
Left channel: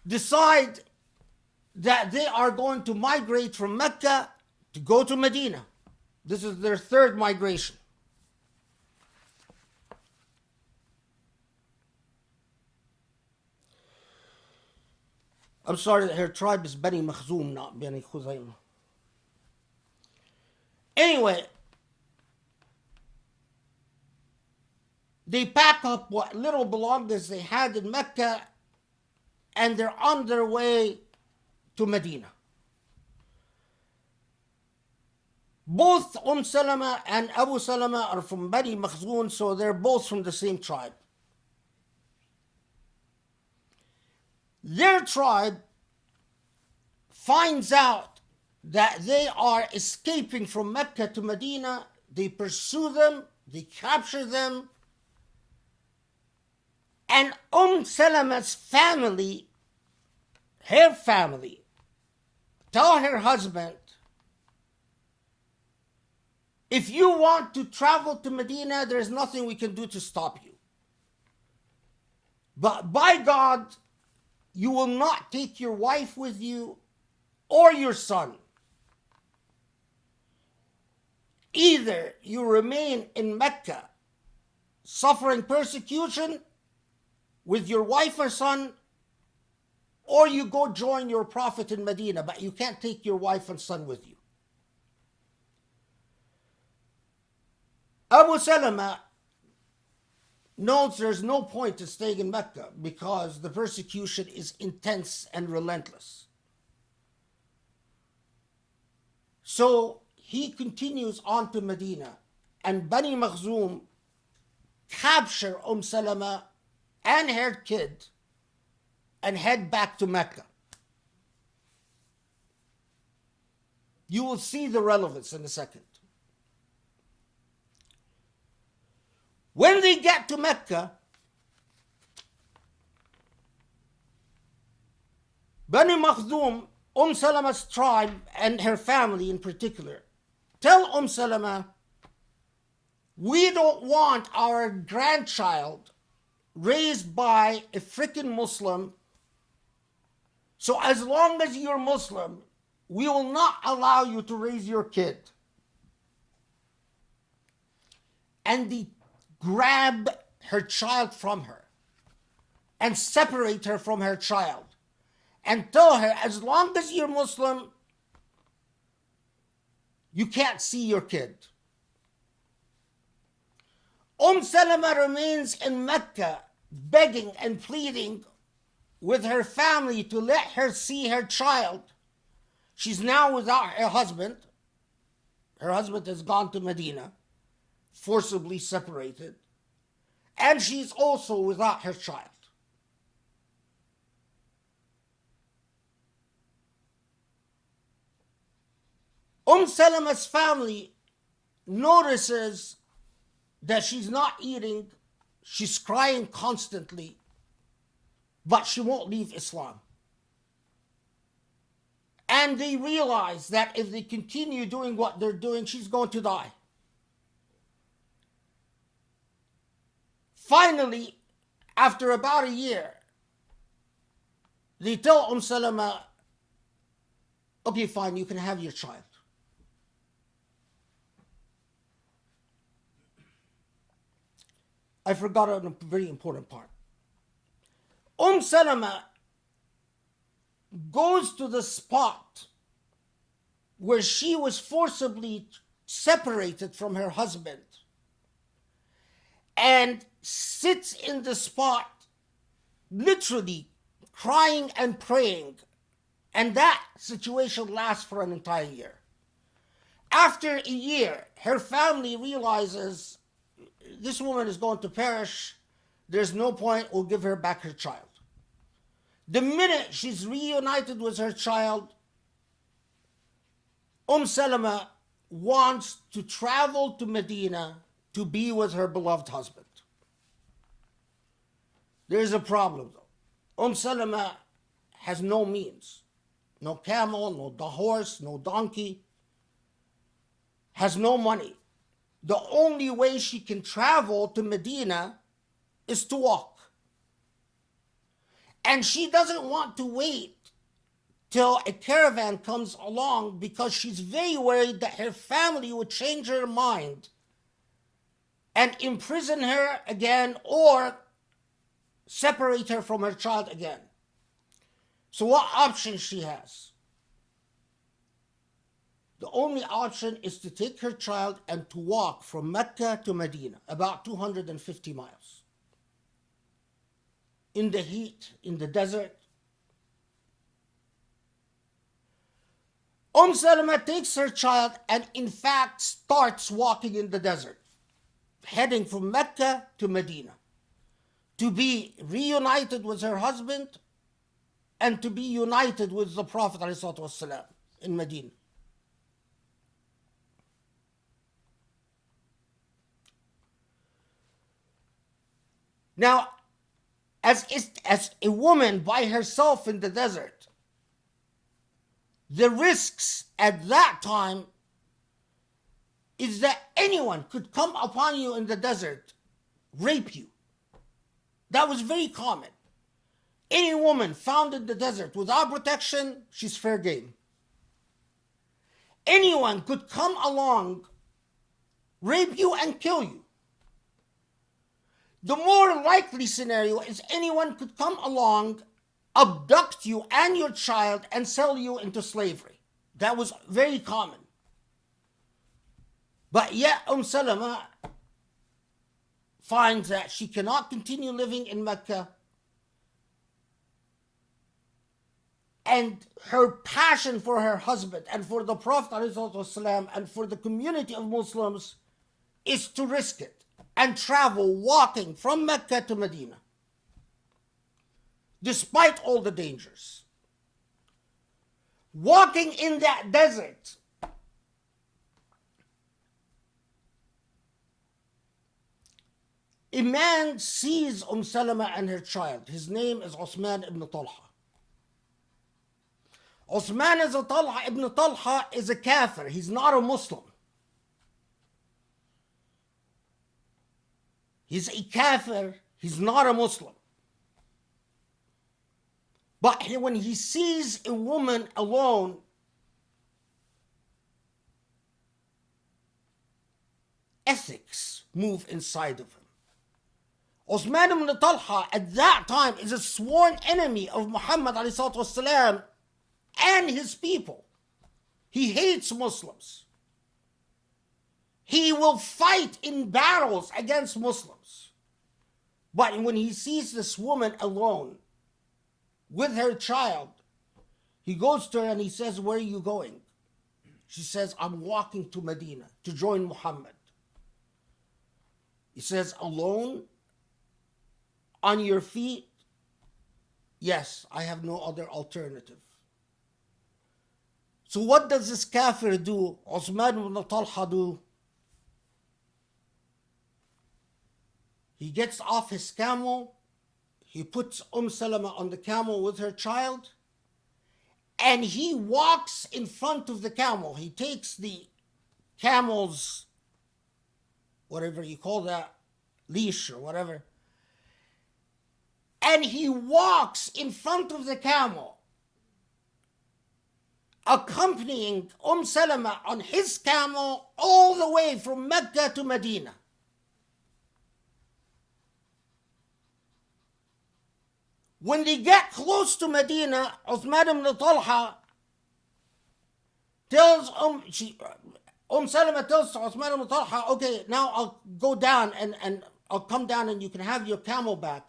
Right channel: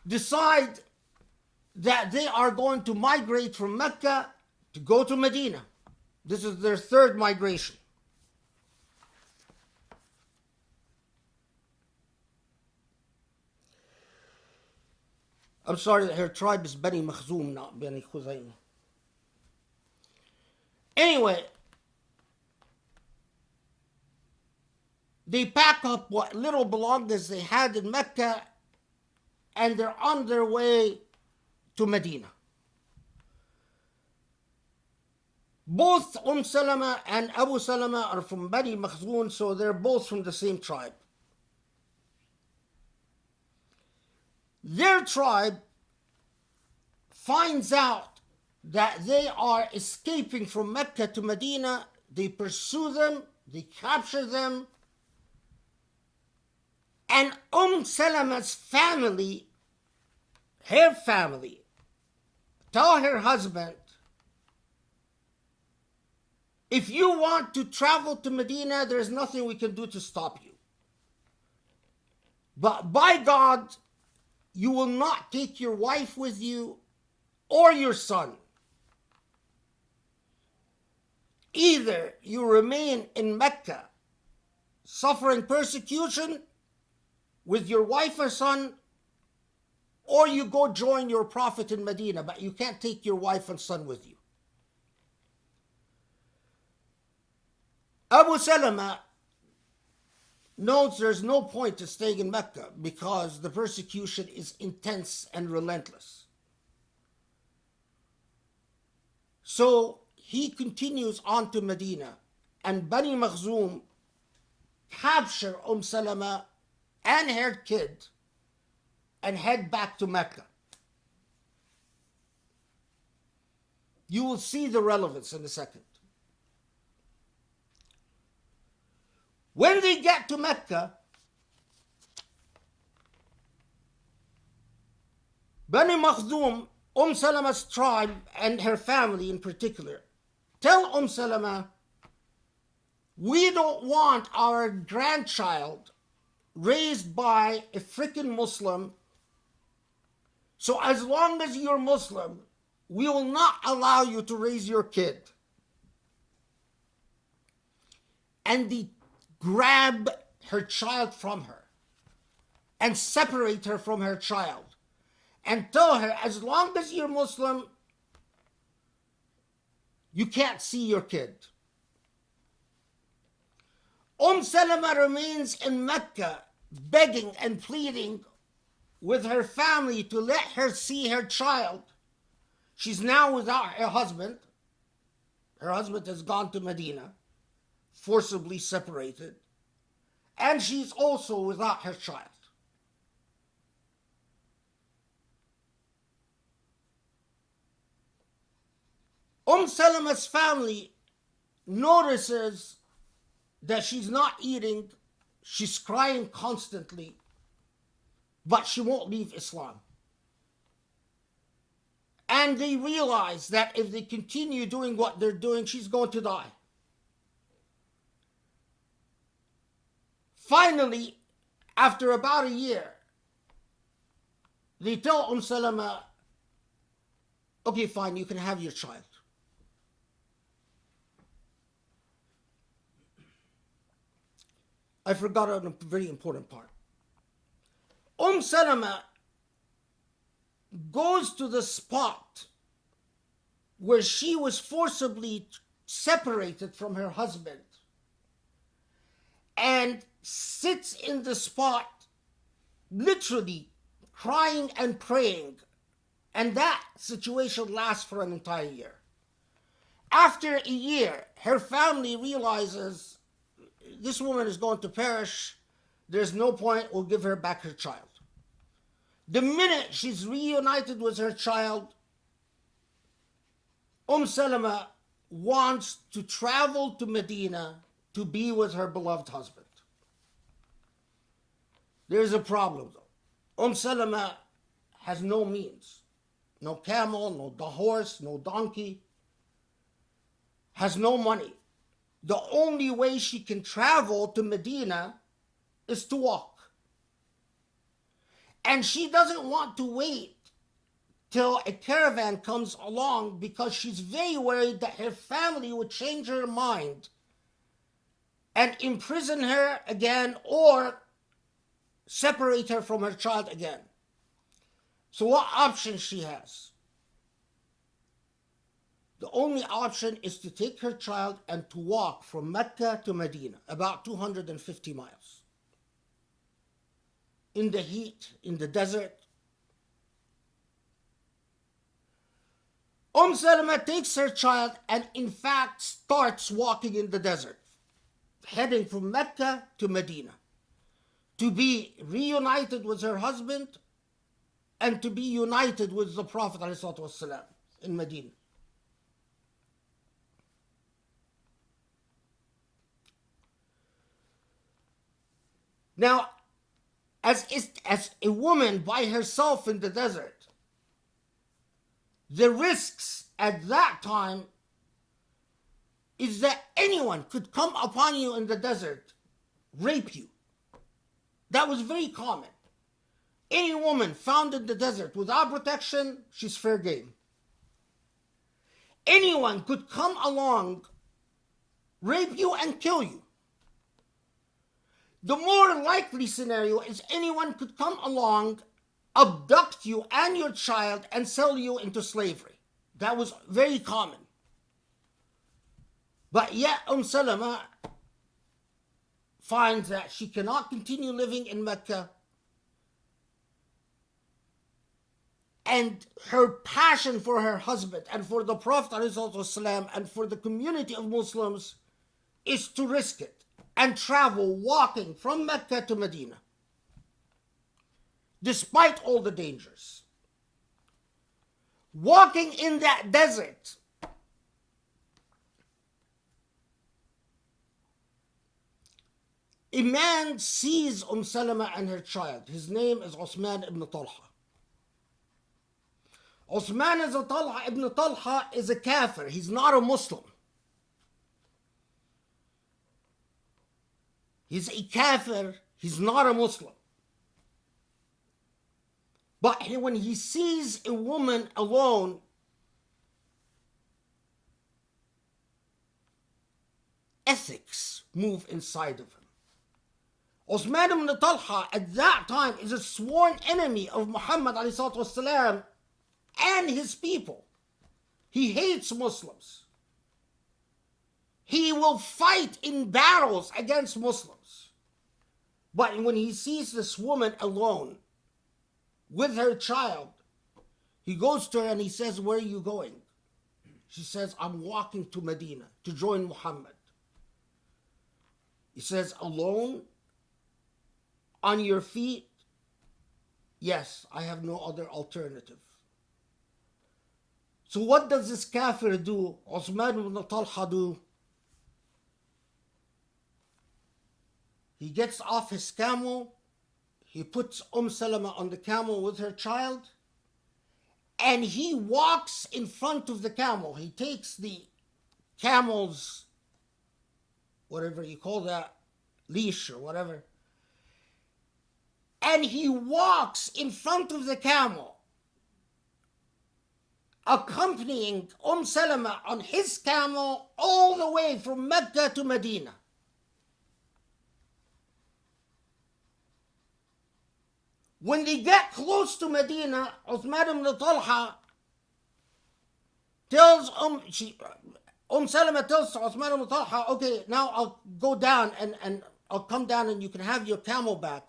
decide that they are going to migrate from Mecca to go to Medina. This is their third migration. I'm sorry, her tribe is Bani Makhzum, not Bani Khuzayma. Anyway, they pack up what little belongings they had in Mecca and they're on their way to Medina. Both Salama and Abu Salama are from Bani Makhzum, so they're both from the same tribe. Their tribe finds out that they are escaping from Mecca to Medina. They pursue them, they capture them, and Salama's family, her family, tell her husband, if you want to travel to Medina, there's nothing we can do to stop you. But by God, you will not take your wife with you or your son. Either you remain in Mecca suffering persecution with your wife or son, or you go join your Prophet in Medina, but you can't take your wife and son with you. Abu Salama knows there's no point to staying in Mecca because the persecution is intense and relentless. So he continues on to Medina, and Bani Makhzum capture Salama and her kid and head back to Mecca. You will see the relevance in a second. When they get to Mecca, Bani Makhzum, Salama's tribe and her family in particular, tell Salama, we don't want our grandchild raised by a freaking Muslim. So as long as you're Muslim, we will not allow you to raise your kid. And they grab her child from her and separate her from her child and tell her, as long as you're Muslim, you can't see your kid. Salama remains in Mecca, begging and pleading with her family to let her see her child. She's now without her husband. Her husband has gone to Medina, forcibly separated, and she's also without her child. Salama's family notices that she's not eating, she's crying constantly, but she won't leave Islam. And they realize that if they continue doing what they're doing, she's going to die. Finally, after about a year, they tell Salama, okay, fine, you can have your child. I forgot a very important part. Salama goes to the spot where she was forcibly separated from her husband and sits in the spot, literally crying and praying. And that situation lasts for an entire year. After a year, her family realizes this woman is going to perish. There's no point. We'll give her back her child. The minute she's reunited with her child, Salama wants to travel to Medina to be with her beloved husband. There's a problem though. Salama has no means. No camel, no horse, no donkey. Has no money. The only way she can travel to Medina is to walk. And she doesn't want to wait till a caravan comes along because she's very worried that her family would change her mind and imprison her again or separate her from her child again. So what option she has? The only option is to take her child and to walk from Mecca to Medina, about 250 miles. In the heat, in the desert. Salama takes her child and in fact starts walking in the desert, heading from Mecca to Medina, to be reunited with her husband and to be united with the Prophet ﷺ in Medina. Now, as a woman by herself in the desert, the risks at that time is that anyone could come upon you in the desert, rape you. That was very common. Any woman found in the desert without protection, she's fair game. Anyone could come along, rape you and kill you. The more likely scenario is anyone could come along, abduct you and your child and sell you into slavery. That was very common. But yet Salama finds that she cannot continue living in Mecca, and her passion for her husband and for the Prophet ﷺ and for the community of Muslims is to risk it and travel walking from Mecca to Medina, despite all the dangers. Walking in that desert, a man sees Salama and her child. His name is Uthman ibn Talha. Uthman ibn Talha is a kafir. He's not a Muslim. He's a kafir. He's not a Muslim. But when he sees a woman alone, ethics move inside of him. Uthman ibn Talha at that time is a sworn enemy of Muhammad والسلام, and his people. He hates Muslims. He will fight in battles against Muslims. But when he sees this woman alone with her child, he goes to her and he says, "Where are you going?" She says, "I'm walking to Medina to join Muhammad." He says, "Alone? On your feet?" "Yes, I have no other alternative." So what does this kafir do? Uthman ibn Talha do? He gets off his camel, he puts Salama on the camel with her child, and he walks in front of the camel. He takes the camel's, whatever you call that, leash or whatever, and he walks in front of the camel, accompanying Salama on his camel all the way from Mecca to Medina. When they get close to Medina, Uthman ibn Talha tells Salama tells Uthman ibn Talha, "Okay, now I'll go down and I'll come down and you can have your camel back."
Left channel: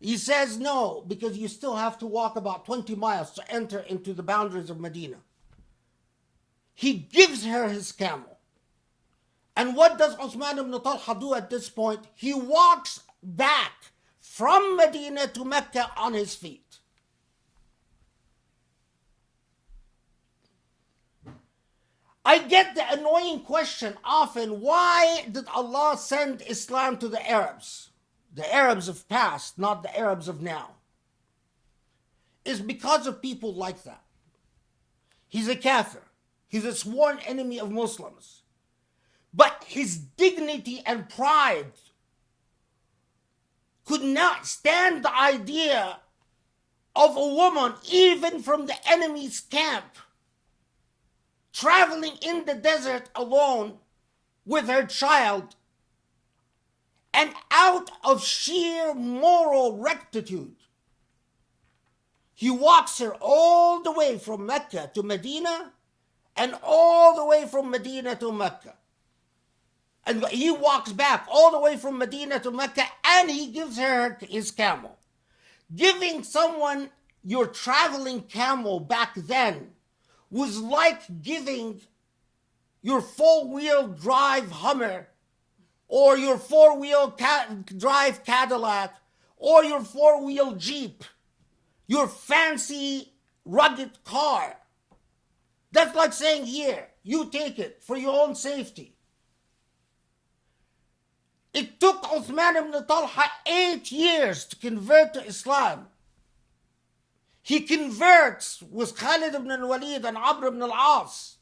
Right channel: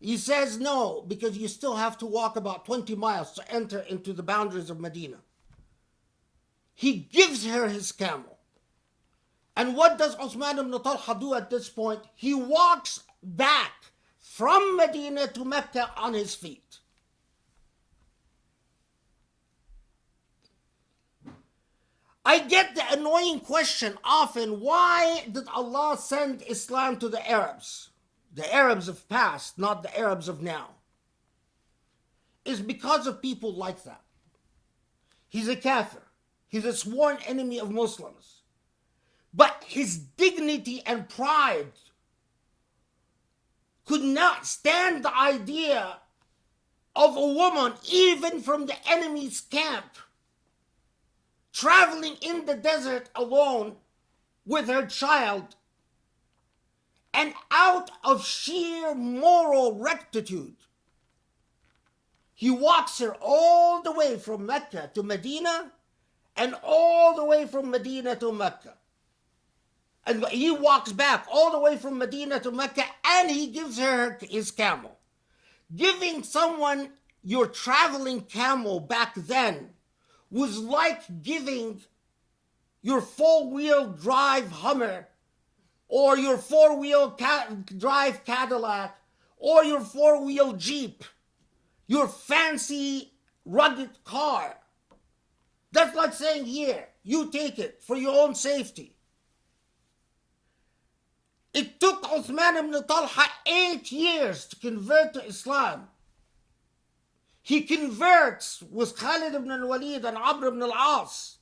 He says, "No, because you still have to walk about 20 miles to enter into the boundaries of Medina." He gives her his camel. And what does Uthman ibn Talha do at this point? He walks back from Medina to Mecca on his feet. I get the annoying question often, why did Allah send Islam to the Arabs? The Arabs of past, not the Arabs of now. It's because of people like that. He's a kafir. He's a sworn enemy of Muslims. But his dignity and pride could not stand the idea of a woman, even from the enemy's camp, traveling in the desert alone with her child, and out of sheer moral rectitude, he walks her all the way from Mecca to Medina and all the way from Medina to Mecca. And he walks back all the way from Medina to Mecca, and he gives her his camel. Giving someone your traveling camel back then was like giving your four-wheel drive Hummer or your four-wheel drive Cadillac or your four-wheel Jeep, your fancy rugged car. That's like saying, "Here, you take it for your own safety." It took Uthman ibn Talha 8 years to convert to Islam. He converts with Khalid ibn al-Walid and Amr ibn al-As.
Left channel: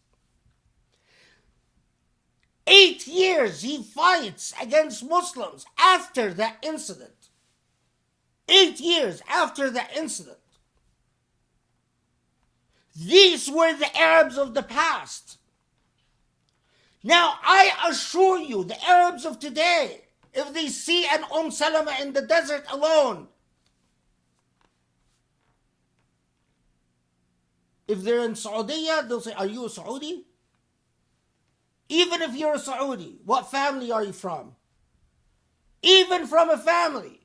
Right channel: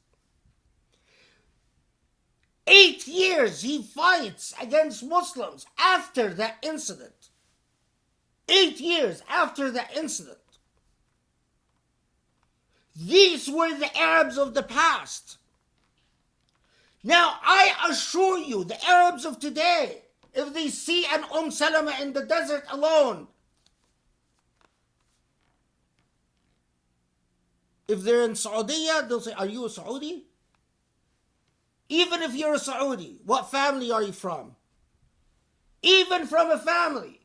8 years he fights against Muslims after that incident. 8 years after that incident. These were the Arabs of the past. Now, I assure you, the Arabs of today, if they see an Salama in the desert alone, if they're in Saudi, they'll say, "Are you a Saudi?" Even if you're a Saudi, what family are you from? Even from a family.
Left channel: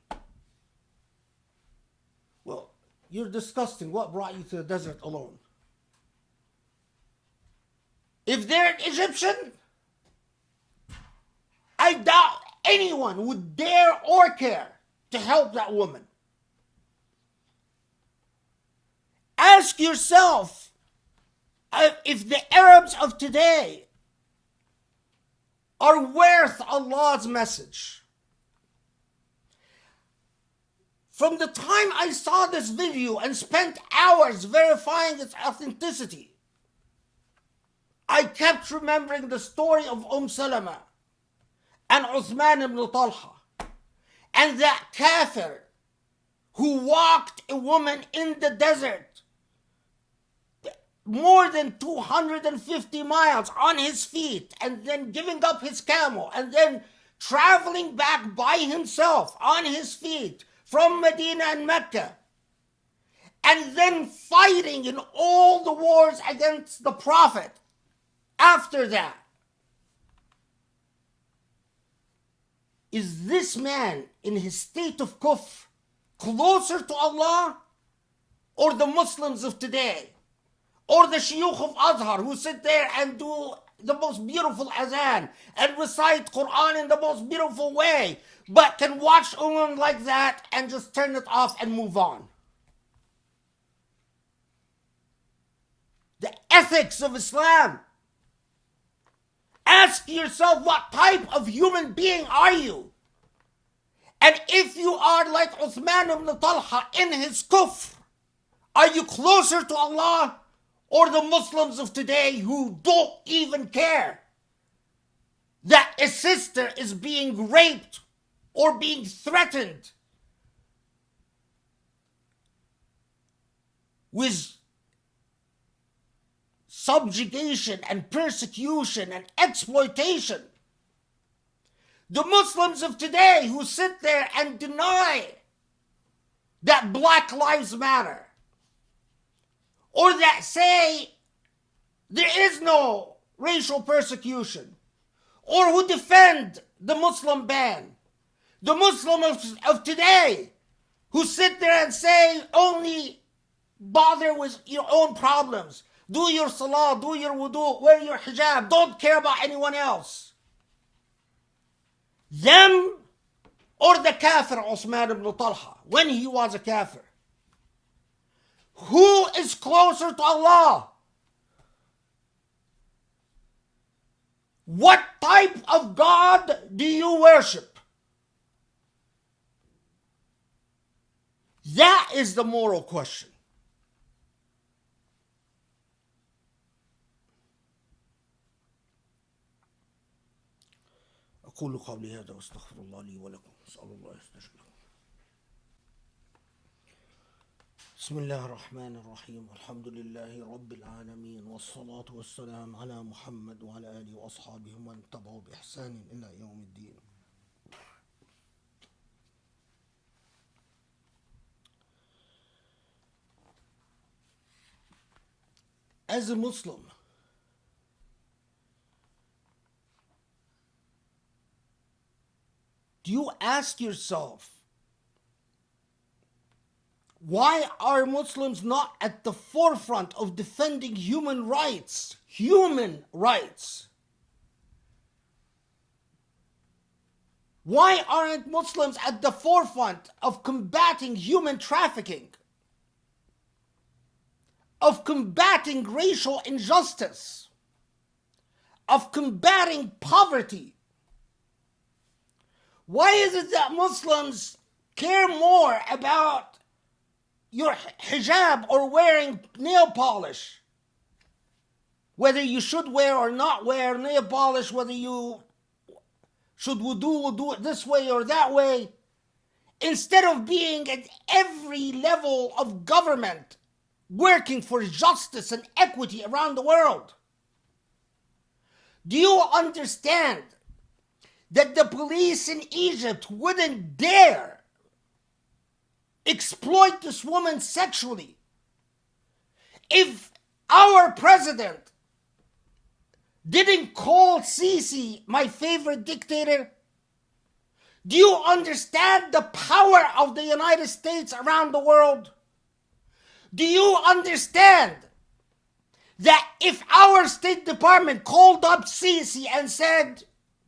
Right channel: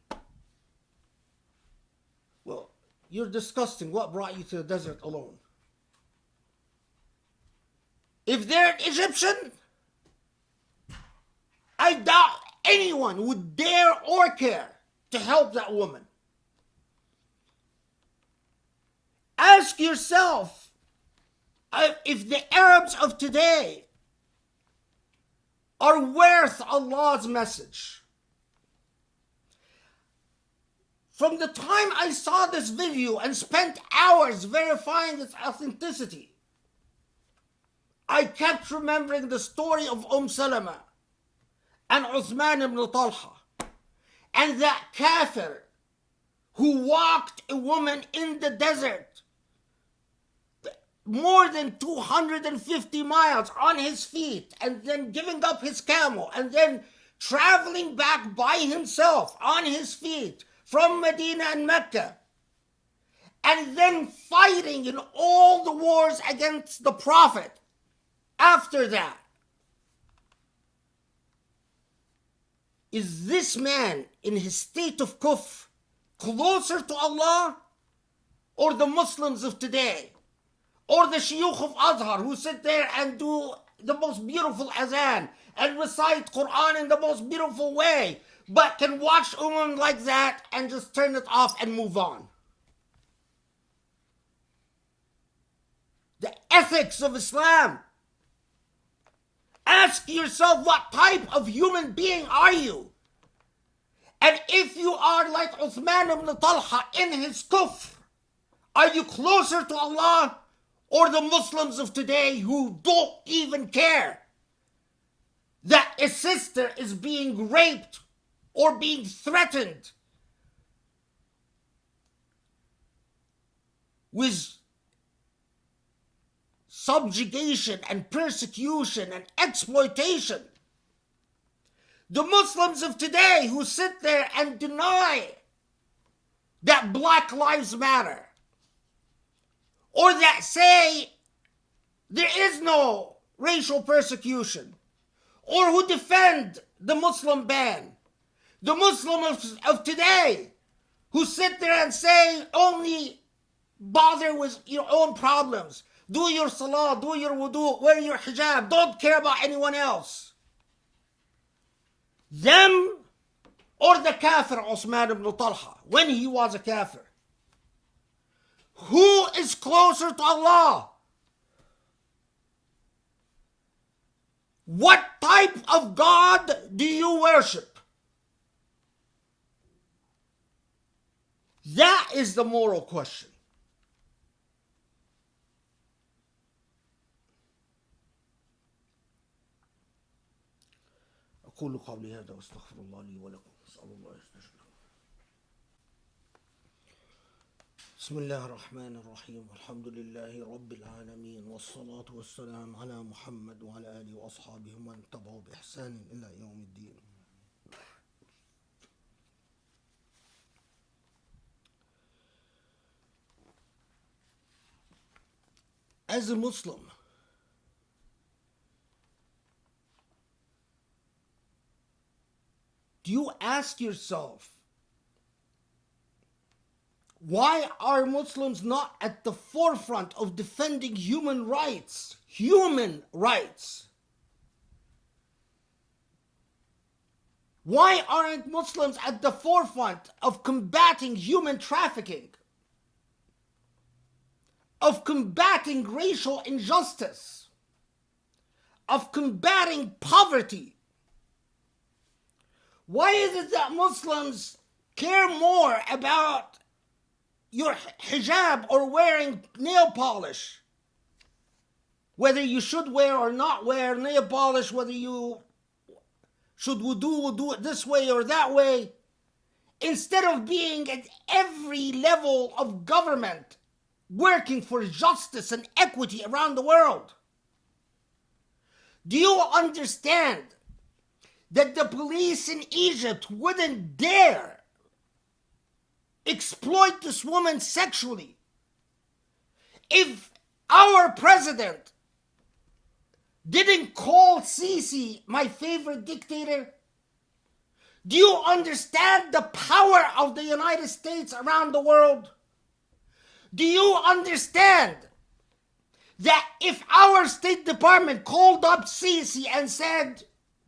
Well, you're disgusting. What brought you to the desert alone? If they're an Egyptian, I doubt anyone would dare or care to help that woman. Ask yourself if the Arabs of today are worth Allah's message. From the time I saw this video and spent hours verifying its authenticity, I kept remembering the story of Salama and Uthman ibn Talha and that kafir who walked a woman in the desert more than 250 miles on his feet, and then giving up his camel, and then traveling back by himself on his feet from Medina and Mecca, and then fighting in all the wars against the Prophet after that. Is this man in his state of kufr closer to Allah, or the Muslims of today, or the shuyukh of Azhar who sit there and do the most beautiful azan and recite Quran in the most beautiful way, but can watch a woman like that and just turn it off and move on? The ethics of Islam. Ask yourself, what type of human being are you? And if you are like Uthman ibn Talha in his kufr, are you closer to Allah or the Muslims of today who don't even care that a sister is being raped or being threatened with subjugation and persecution and exploitation? The Muslims of today who sit there and deny that Black Lives Matter, or that say there is no racial persecution, or who defend the Muslim ban. The Muslims of today who sit there and say only bother with your own problems. Do your salah, do your wudu, wear your hijab, don't care about anyone else. Them or the kafir Uthman ibn Talha when he was a kafir? Who is closer to Allah? What type of God do you worship? That is the moral question. أقول قولي هذا واستغفر الله لي ولكم. أسأل الله يستجيب. بسم الله الرحمن الرحيم. والحمد لله رب العالمين، والصلاة والسلام على محمد وعلى آله وأصحابه ومن تبعوا بإحسان إلى يوم الدين. As a Muslim, do you ask yourself, why are Muslims not at the forefront of defending human rights? Human rights. Why aren't Muslims at the forefront of combating human trafficking? Of combating racial injustice? Of combating poverty? Why is it that Muslims care more about your hijab or wearing nail polish? Whether you should wear or not wear nail polish, whether you should do it this way or that way, instead of being at every level of government working for justice and equity around the world. Do you understand that the police in Egypt wouldn't dare exploit this woman sexually if our president didn't call Sisi my favorite dictator? Do you understand the power of the United States around the world? Do you understand that if our State Department called up Sisi and said,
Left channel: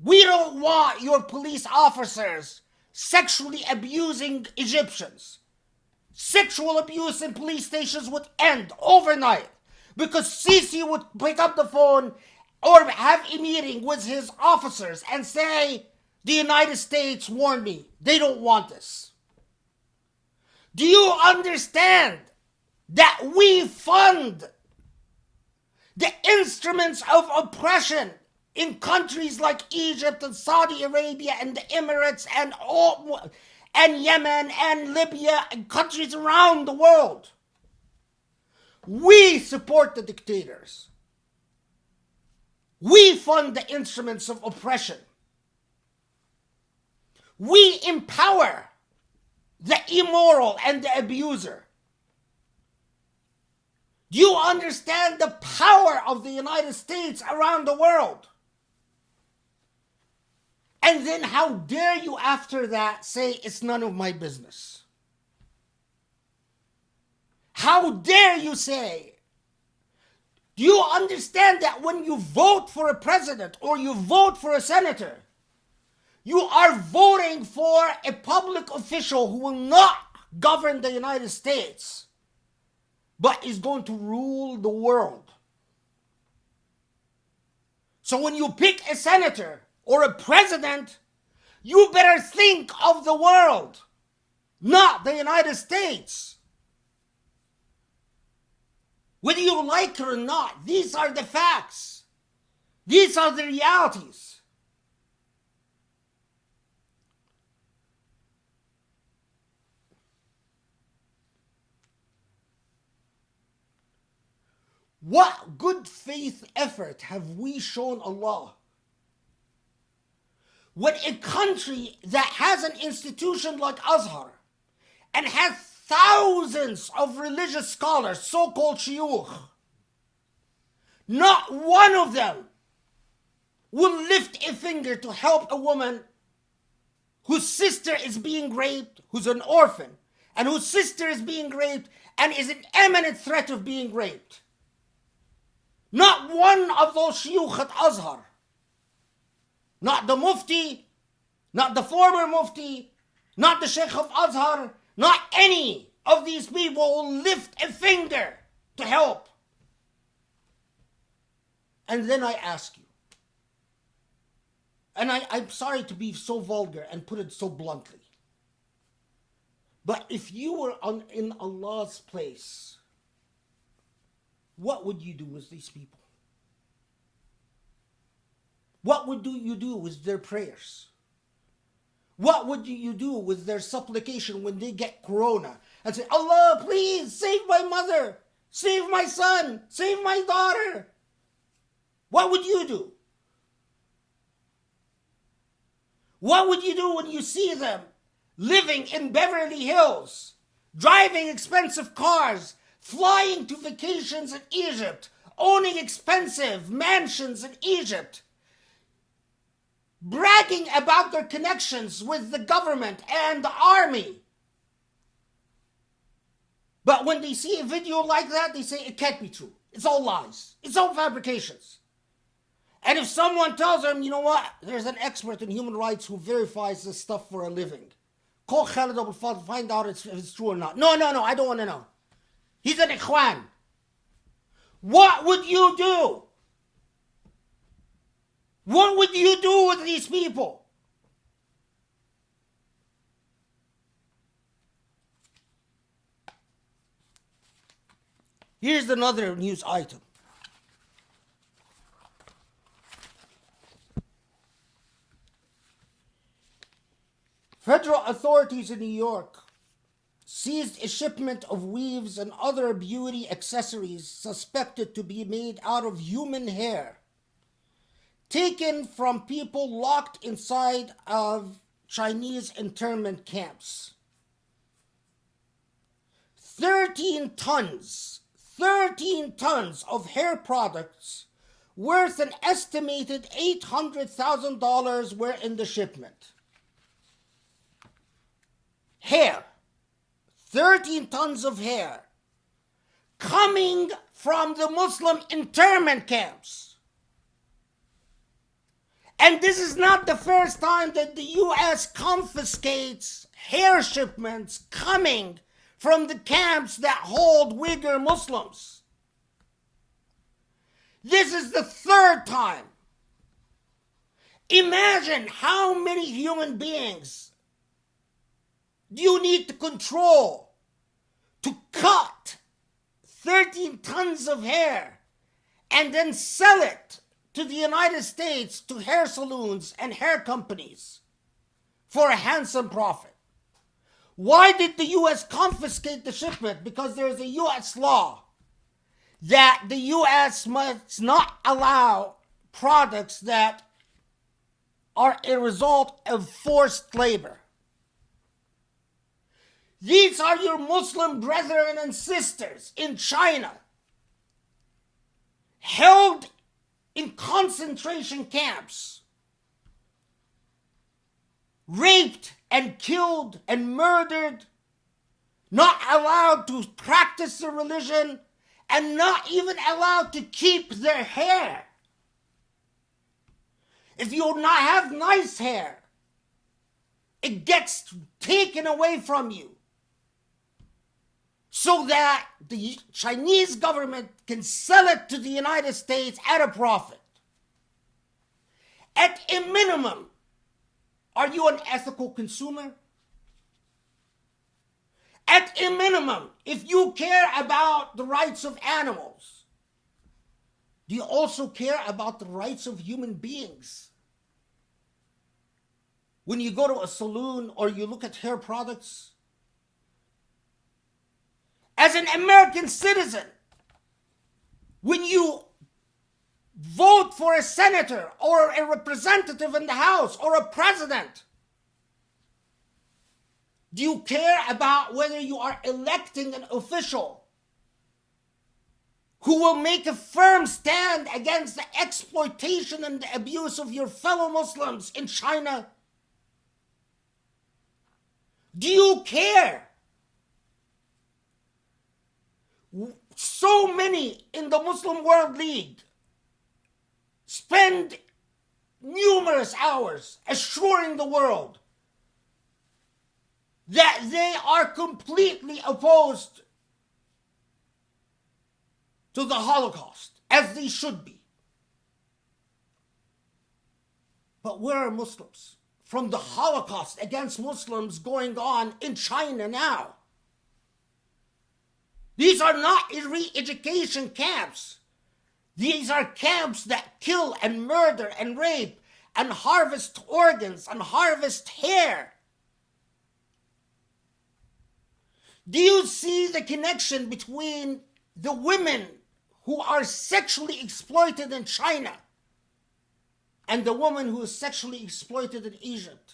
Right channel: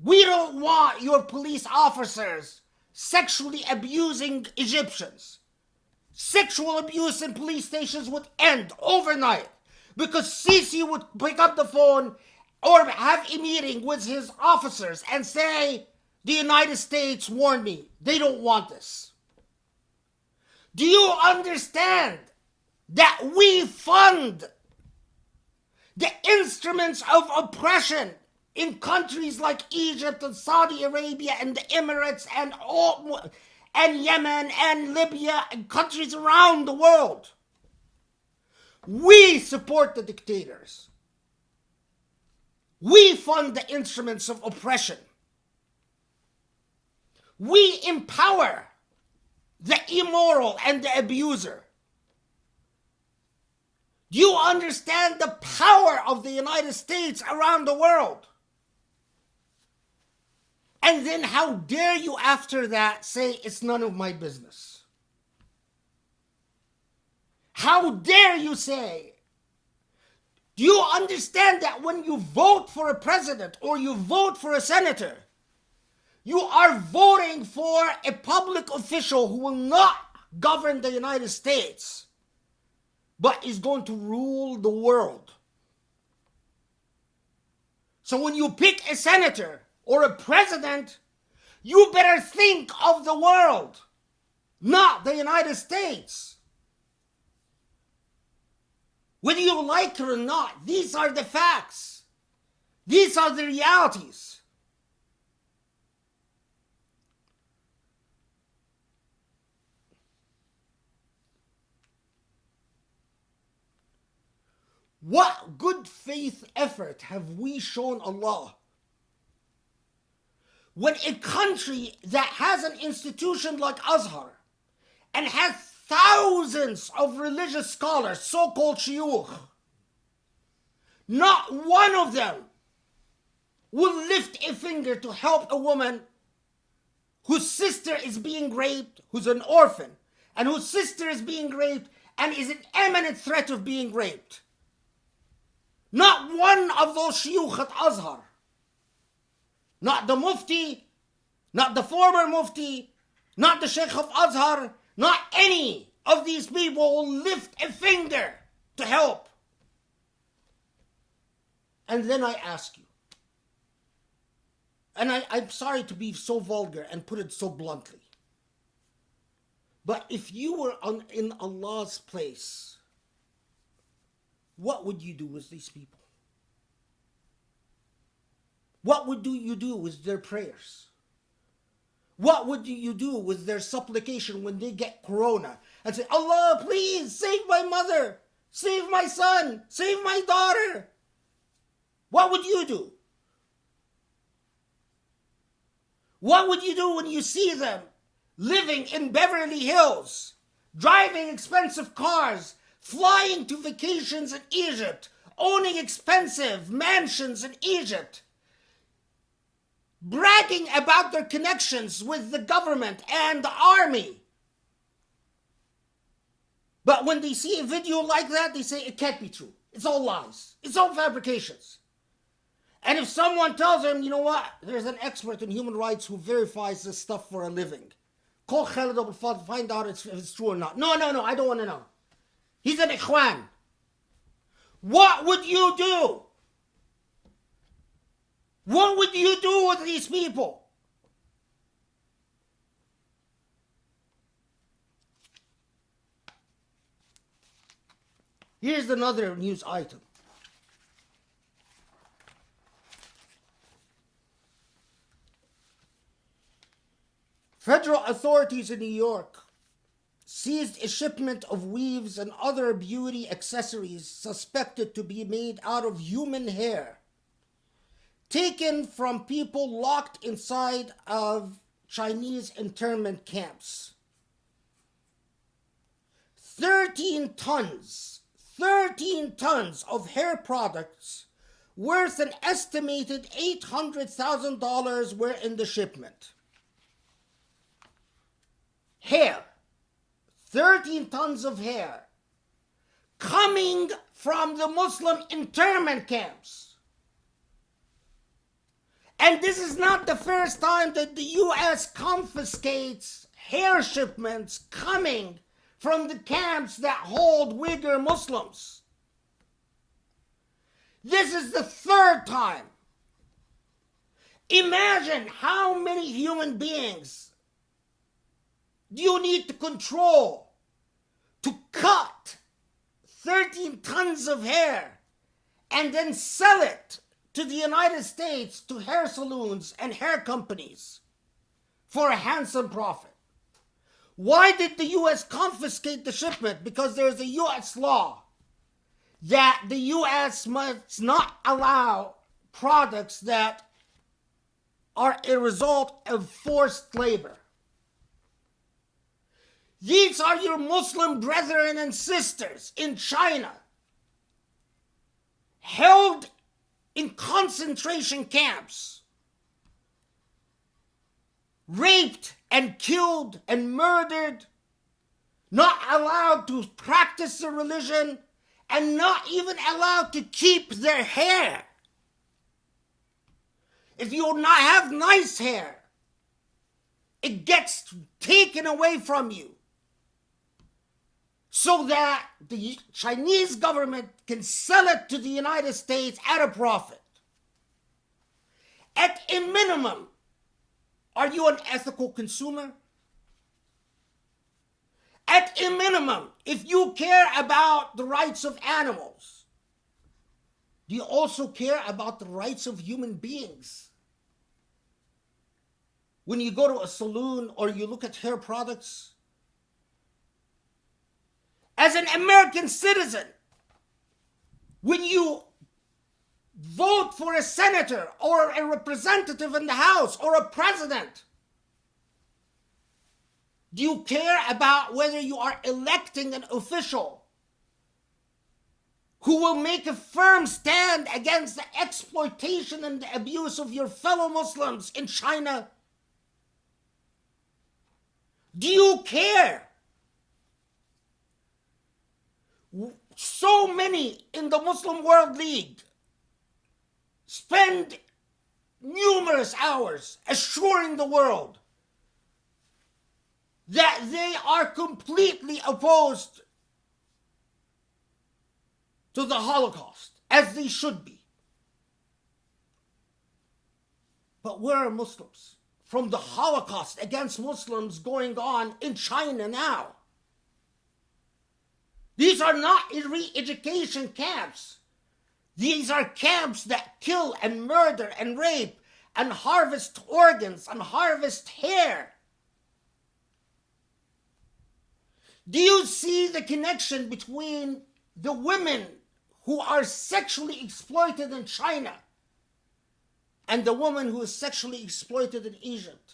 we don't want your police officers sexually abusing Egyptians, sexual abuse in police stations would end overnight, because Sisi would pick up the phone or have a meeting with his officers and say, the United States warned me, they don't want this. Do you understand that we fund the instruments of oppression in countries like Egypt and Saudi Arabia and the Emirates and Yemen and Libya and countries around the world? We support the dictators. We fund the instruments of oppression. We empower the immoral and the abuser. Do you understand the power of the United States around the world? And then how dare you after that say it's none of my business? How dare you say? Do you understand that when you vote for a president or you vote for a senator, you are voting for a public official who will not govern the United States, but is going to rule the world? So when you pick a senator or a president, you better think of the world, not the United States. Whether you like it or not, these are the facts. These are the realities. What good faith effort have we shown Allah when a country that has an institution like Azhar and has thousands of religious scholars, so-called shuyukh, not one of them will lift a finger to help a woman whose sister is being raped, who's an orphan, and whose sister is being raped and is in imminent threat of being raped? Not one of those shuyukh at Azhar, not the mufti, not the former mufti, not the sheikh of Azhar, not any of these people will lift a finger to help. And then I ask you, and I'm sorry to be so vulgar and put it so bluntly, but if you were in Allah's place, what would you do with these people? What would you do with their prayers? What would you do with their supplication when they get corona and say, Allah, please save my mother, save my son, save my daughter? What would you do? What would you do when you see them living in Beverly Hills, driving expensive cars, flying to vacations in Egypt, owning expensive mansions in Egypt, bragging about their connections with the government and the army? But when they see a video like that, they say it can't be true. It's all lies. It's all fabrications. And if someone tells them, you know what, there's an expert in human rights who verifies this stuff for a living, call Khalid Abul Fadl, find out if it's true or not. No, I don't want to know. He's an ikhwan. What would you do? What would you do with these people? Here's another news item. Federal authorities in New York seized a shipment of weaves and other beauty accessories suspected to be made out of human hair, taken from people locked inside of Chinese internment camps. 13 tons of hair products worth an estimated $800,000 were in the shipment. Hair. 13 tons of hair coming from the Muslim internment camps. And this is not the first time that the U.S. confiscates hair shipments coming from the camps that hold Uyghur Muslims. This is the third time. Imagine how many human beings do you need to control to cut 13 tons of hair and then sell it to the United States to hair salons and hair companies for a handsome profit. Why did the U.S. confiscate the shipment? Because there's a U.S. law that the U.S. must not allow products that are a result of forced labor. These are your Muslim brethren and sisters in China, held in concentration camps, raped and killed and murdered, not allowed to practice their religion, and not even allowed to keep their hair. If you not have nice hair, it gets taken away from you so that the Chinese government can sell it to the United States at a profit. At a minimum, are you an ethical consumer? At a minimum, if you care about the rights of animals, do you also care about the rights of human beings? When you go to a saloon or you look at hair products, as an American citizen, when you vote for a senator or a representative in the House or a president, do you care about whether you are electing an official who will make a firm stand against the exploitation and the abuse of your fellow Muslims in China? Do you care? So many in the Muslim World League spend numerous hours assuring the world that they are completely opposed to the Holocaust, as they should be. But where are Muslims from the Holocaust against Muslims going on in China now? These are not re-education camps. These are camps that kill and murder and rape and harvest organs and harvest hair. Do you see the connection between the women who are sexually exploited in China and the woman who is sexually exploited in Egypt,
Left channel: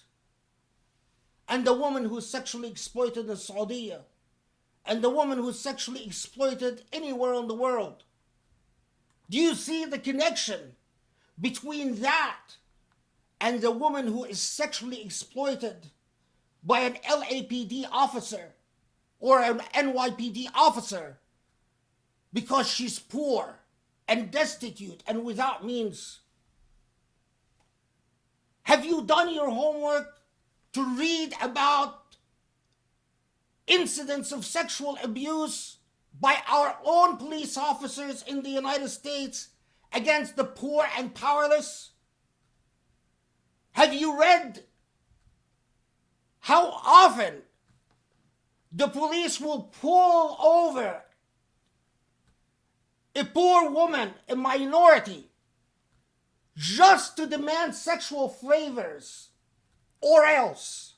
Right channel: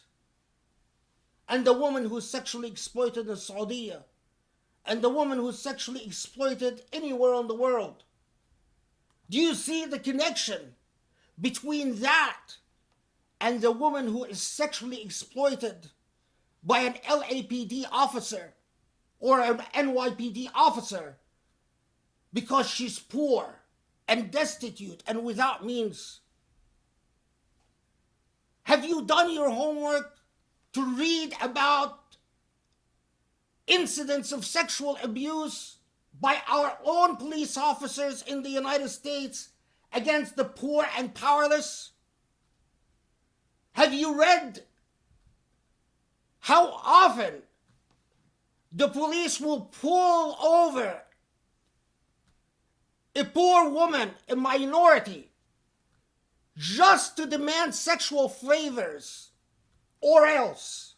and the woman who is sexually exploited in Saudi, and the woman who is sexually exploited anywhere in the world? Do you see the connection between that and the woman who is sexually exploited by an LAPD officer or an NYPD officer because she's poor and destitute and without means? Have you done your homework to read about incidents of sexual abuse by our own police officers in the United States against the poor and powerless? Have you read how often the police will pull over a poor woman, a minority, just to demand sexual favors or else?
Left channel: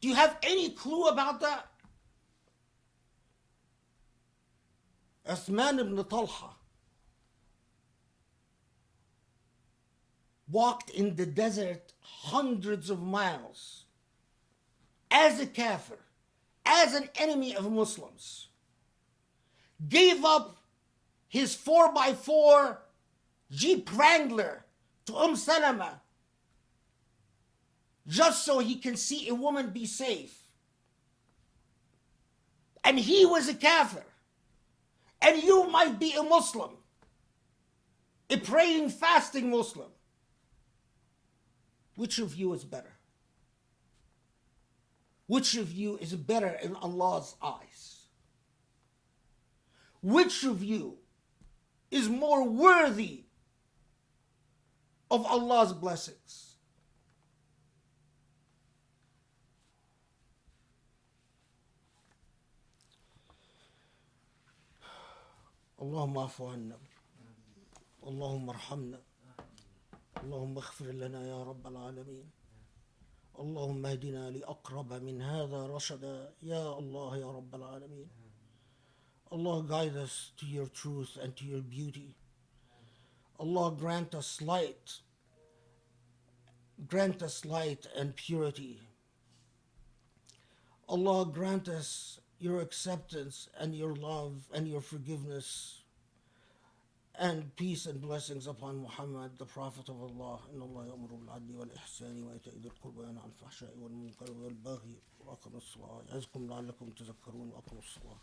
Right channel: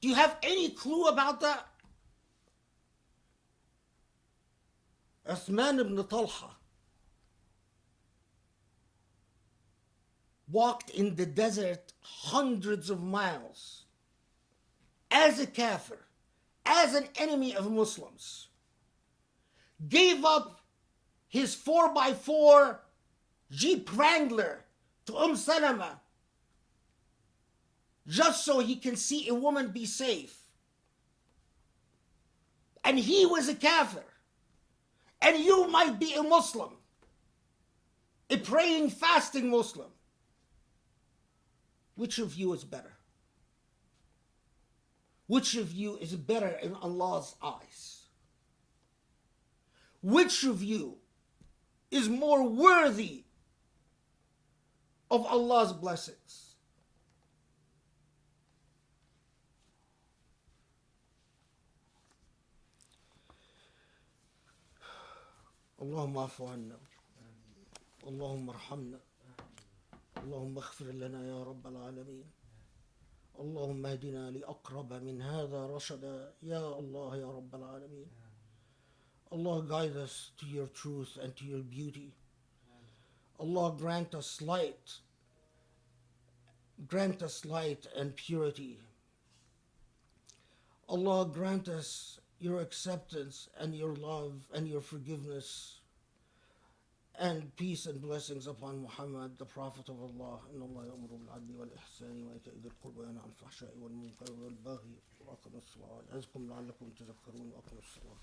Do you have any clue about that? Uthman ibn Talha walked in the desert hundreds of miles as a kafir, as an enemy of Muslims, gave up his 4x4 Jeep Wrangler to Salama just so he can see a woman be safe. And he was a kafir. And you might be a Muslim, a praying, fasting Muslim. Which of you is better? Which of you is better in Allah's eyes? Which of you is more worthy of Allah's blessings? اللهم اعف عنا، اللهم ارحمنا، اللهم اغفر لنا يا رب العالمين. اللهم اهدنا لأقرب من هذا رشدا يا الله يا رب العالمين. Allah, guide us to your truth and to your beauty. Allah, grant us light and purity. Allah, grant us your acceptance and your love and your forgiveness, and peace and blessings upon Muhammad, the Prophet of Allah. إن الله يأمر بالعدل والإحسان وإيتاء ذي القربى وينهى عن الفحشاء والمنكر والبغي وأقم الصلاة يعظكم لعلكم تذكرون. أقم الصلاة.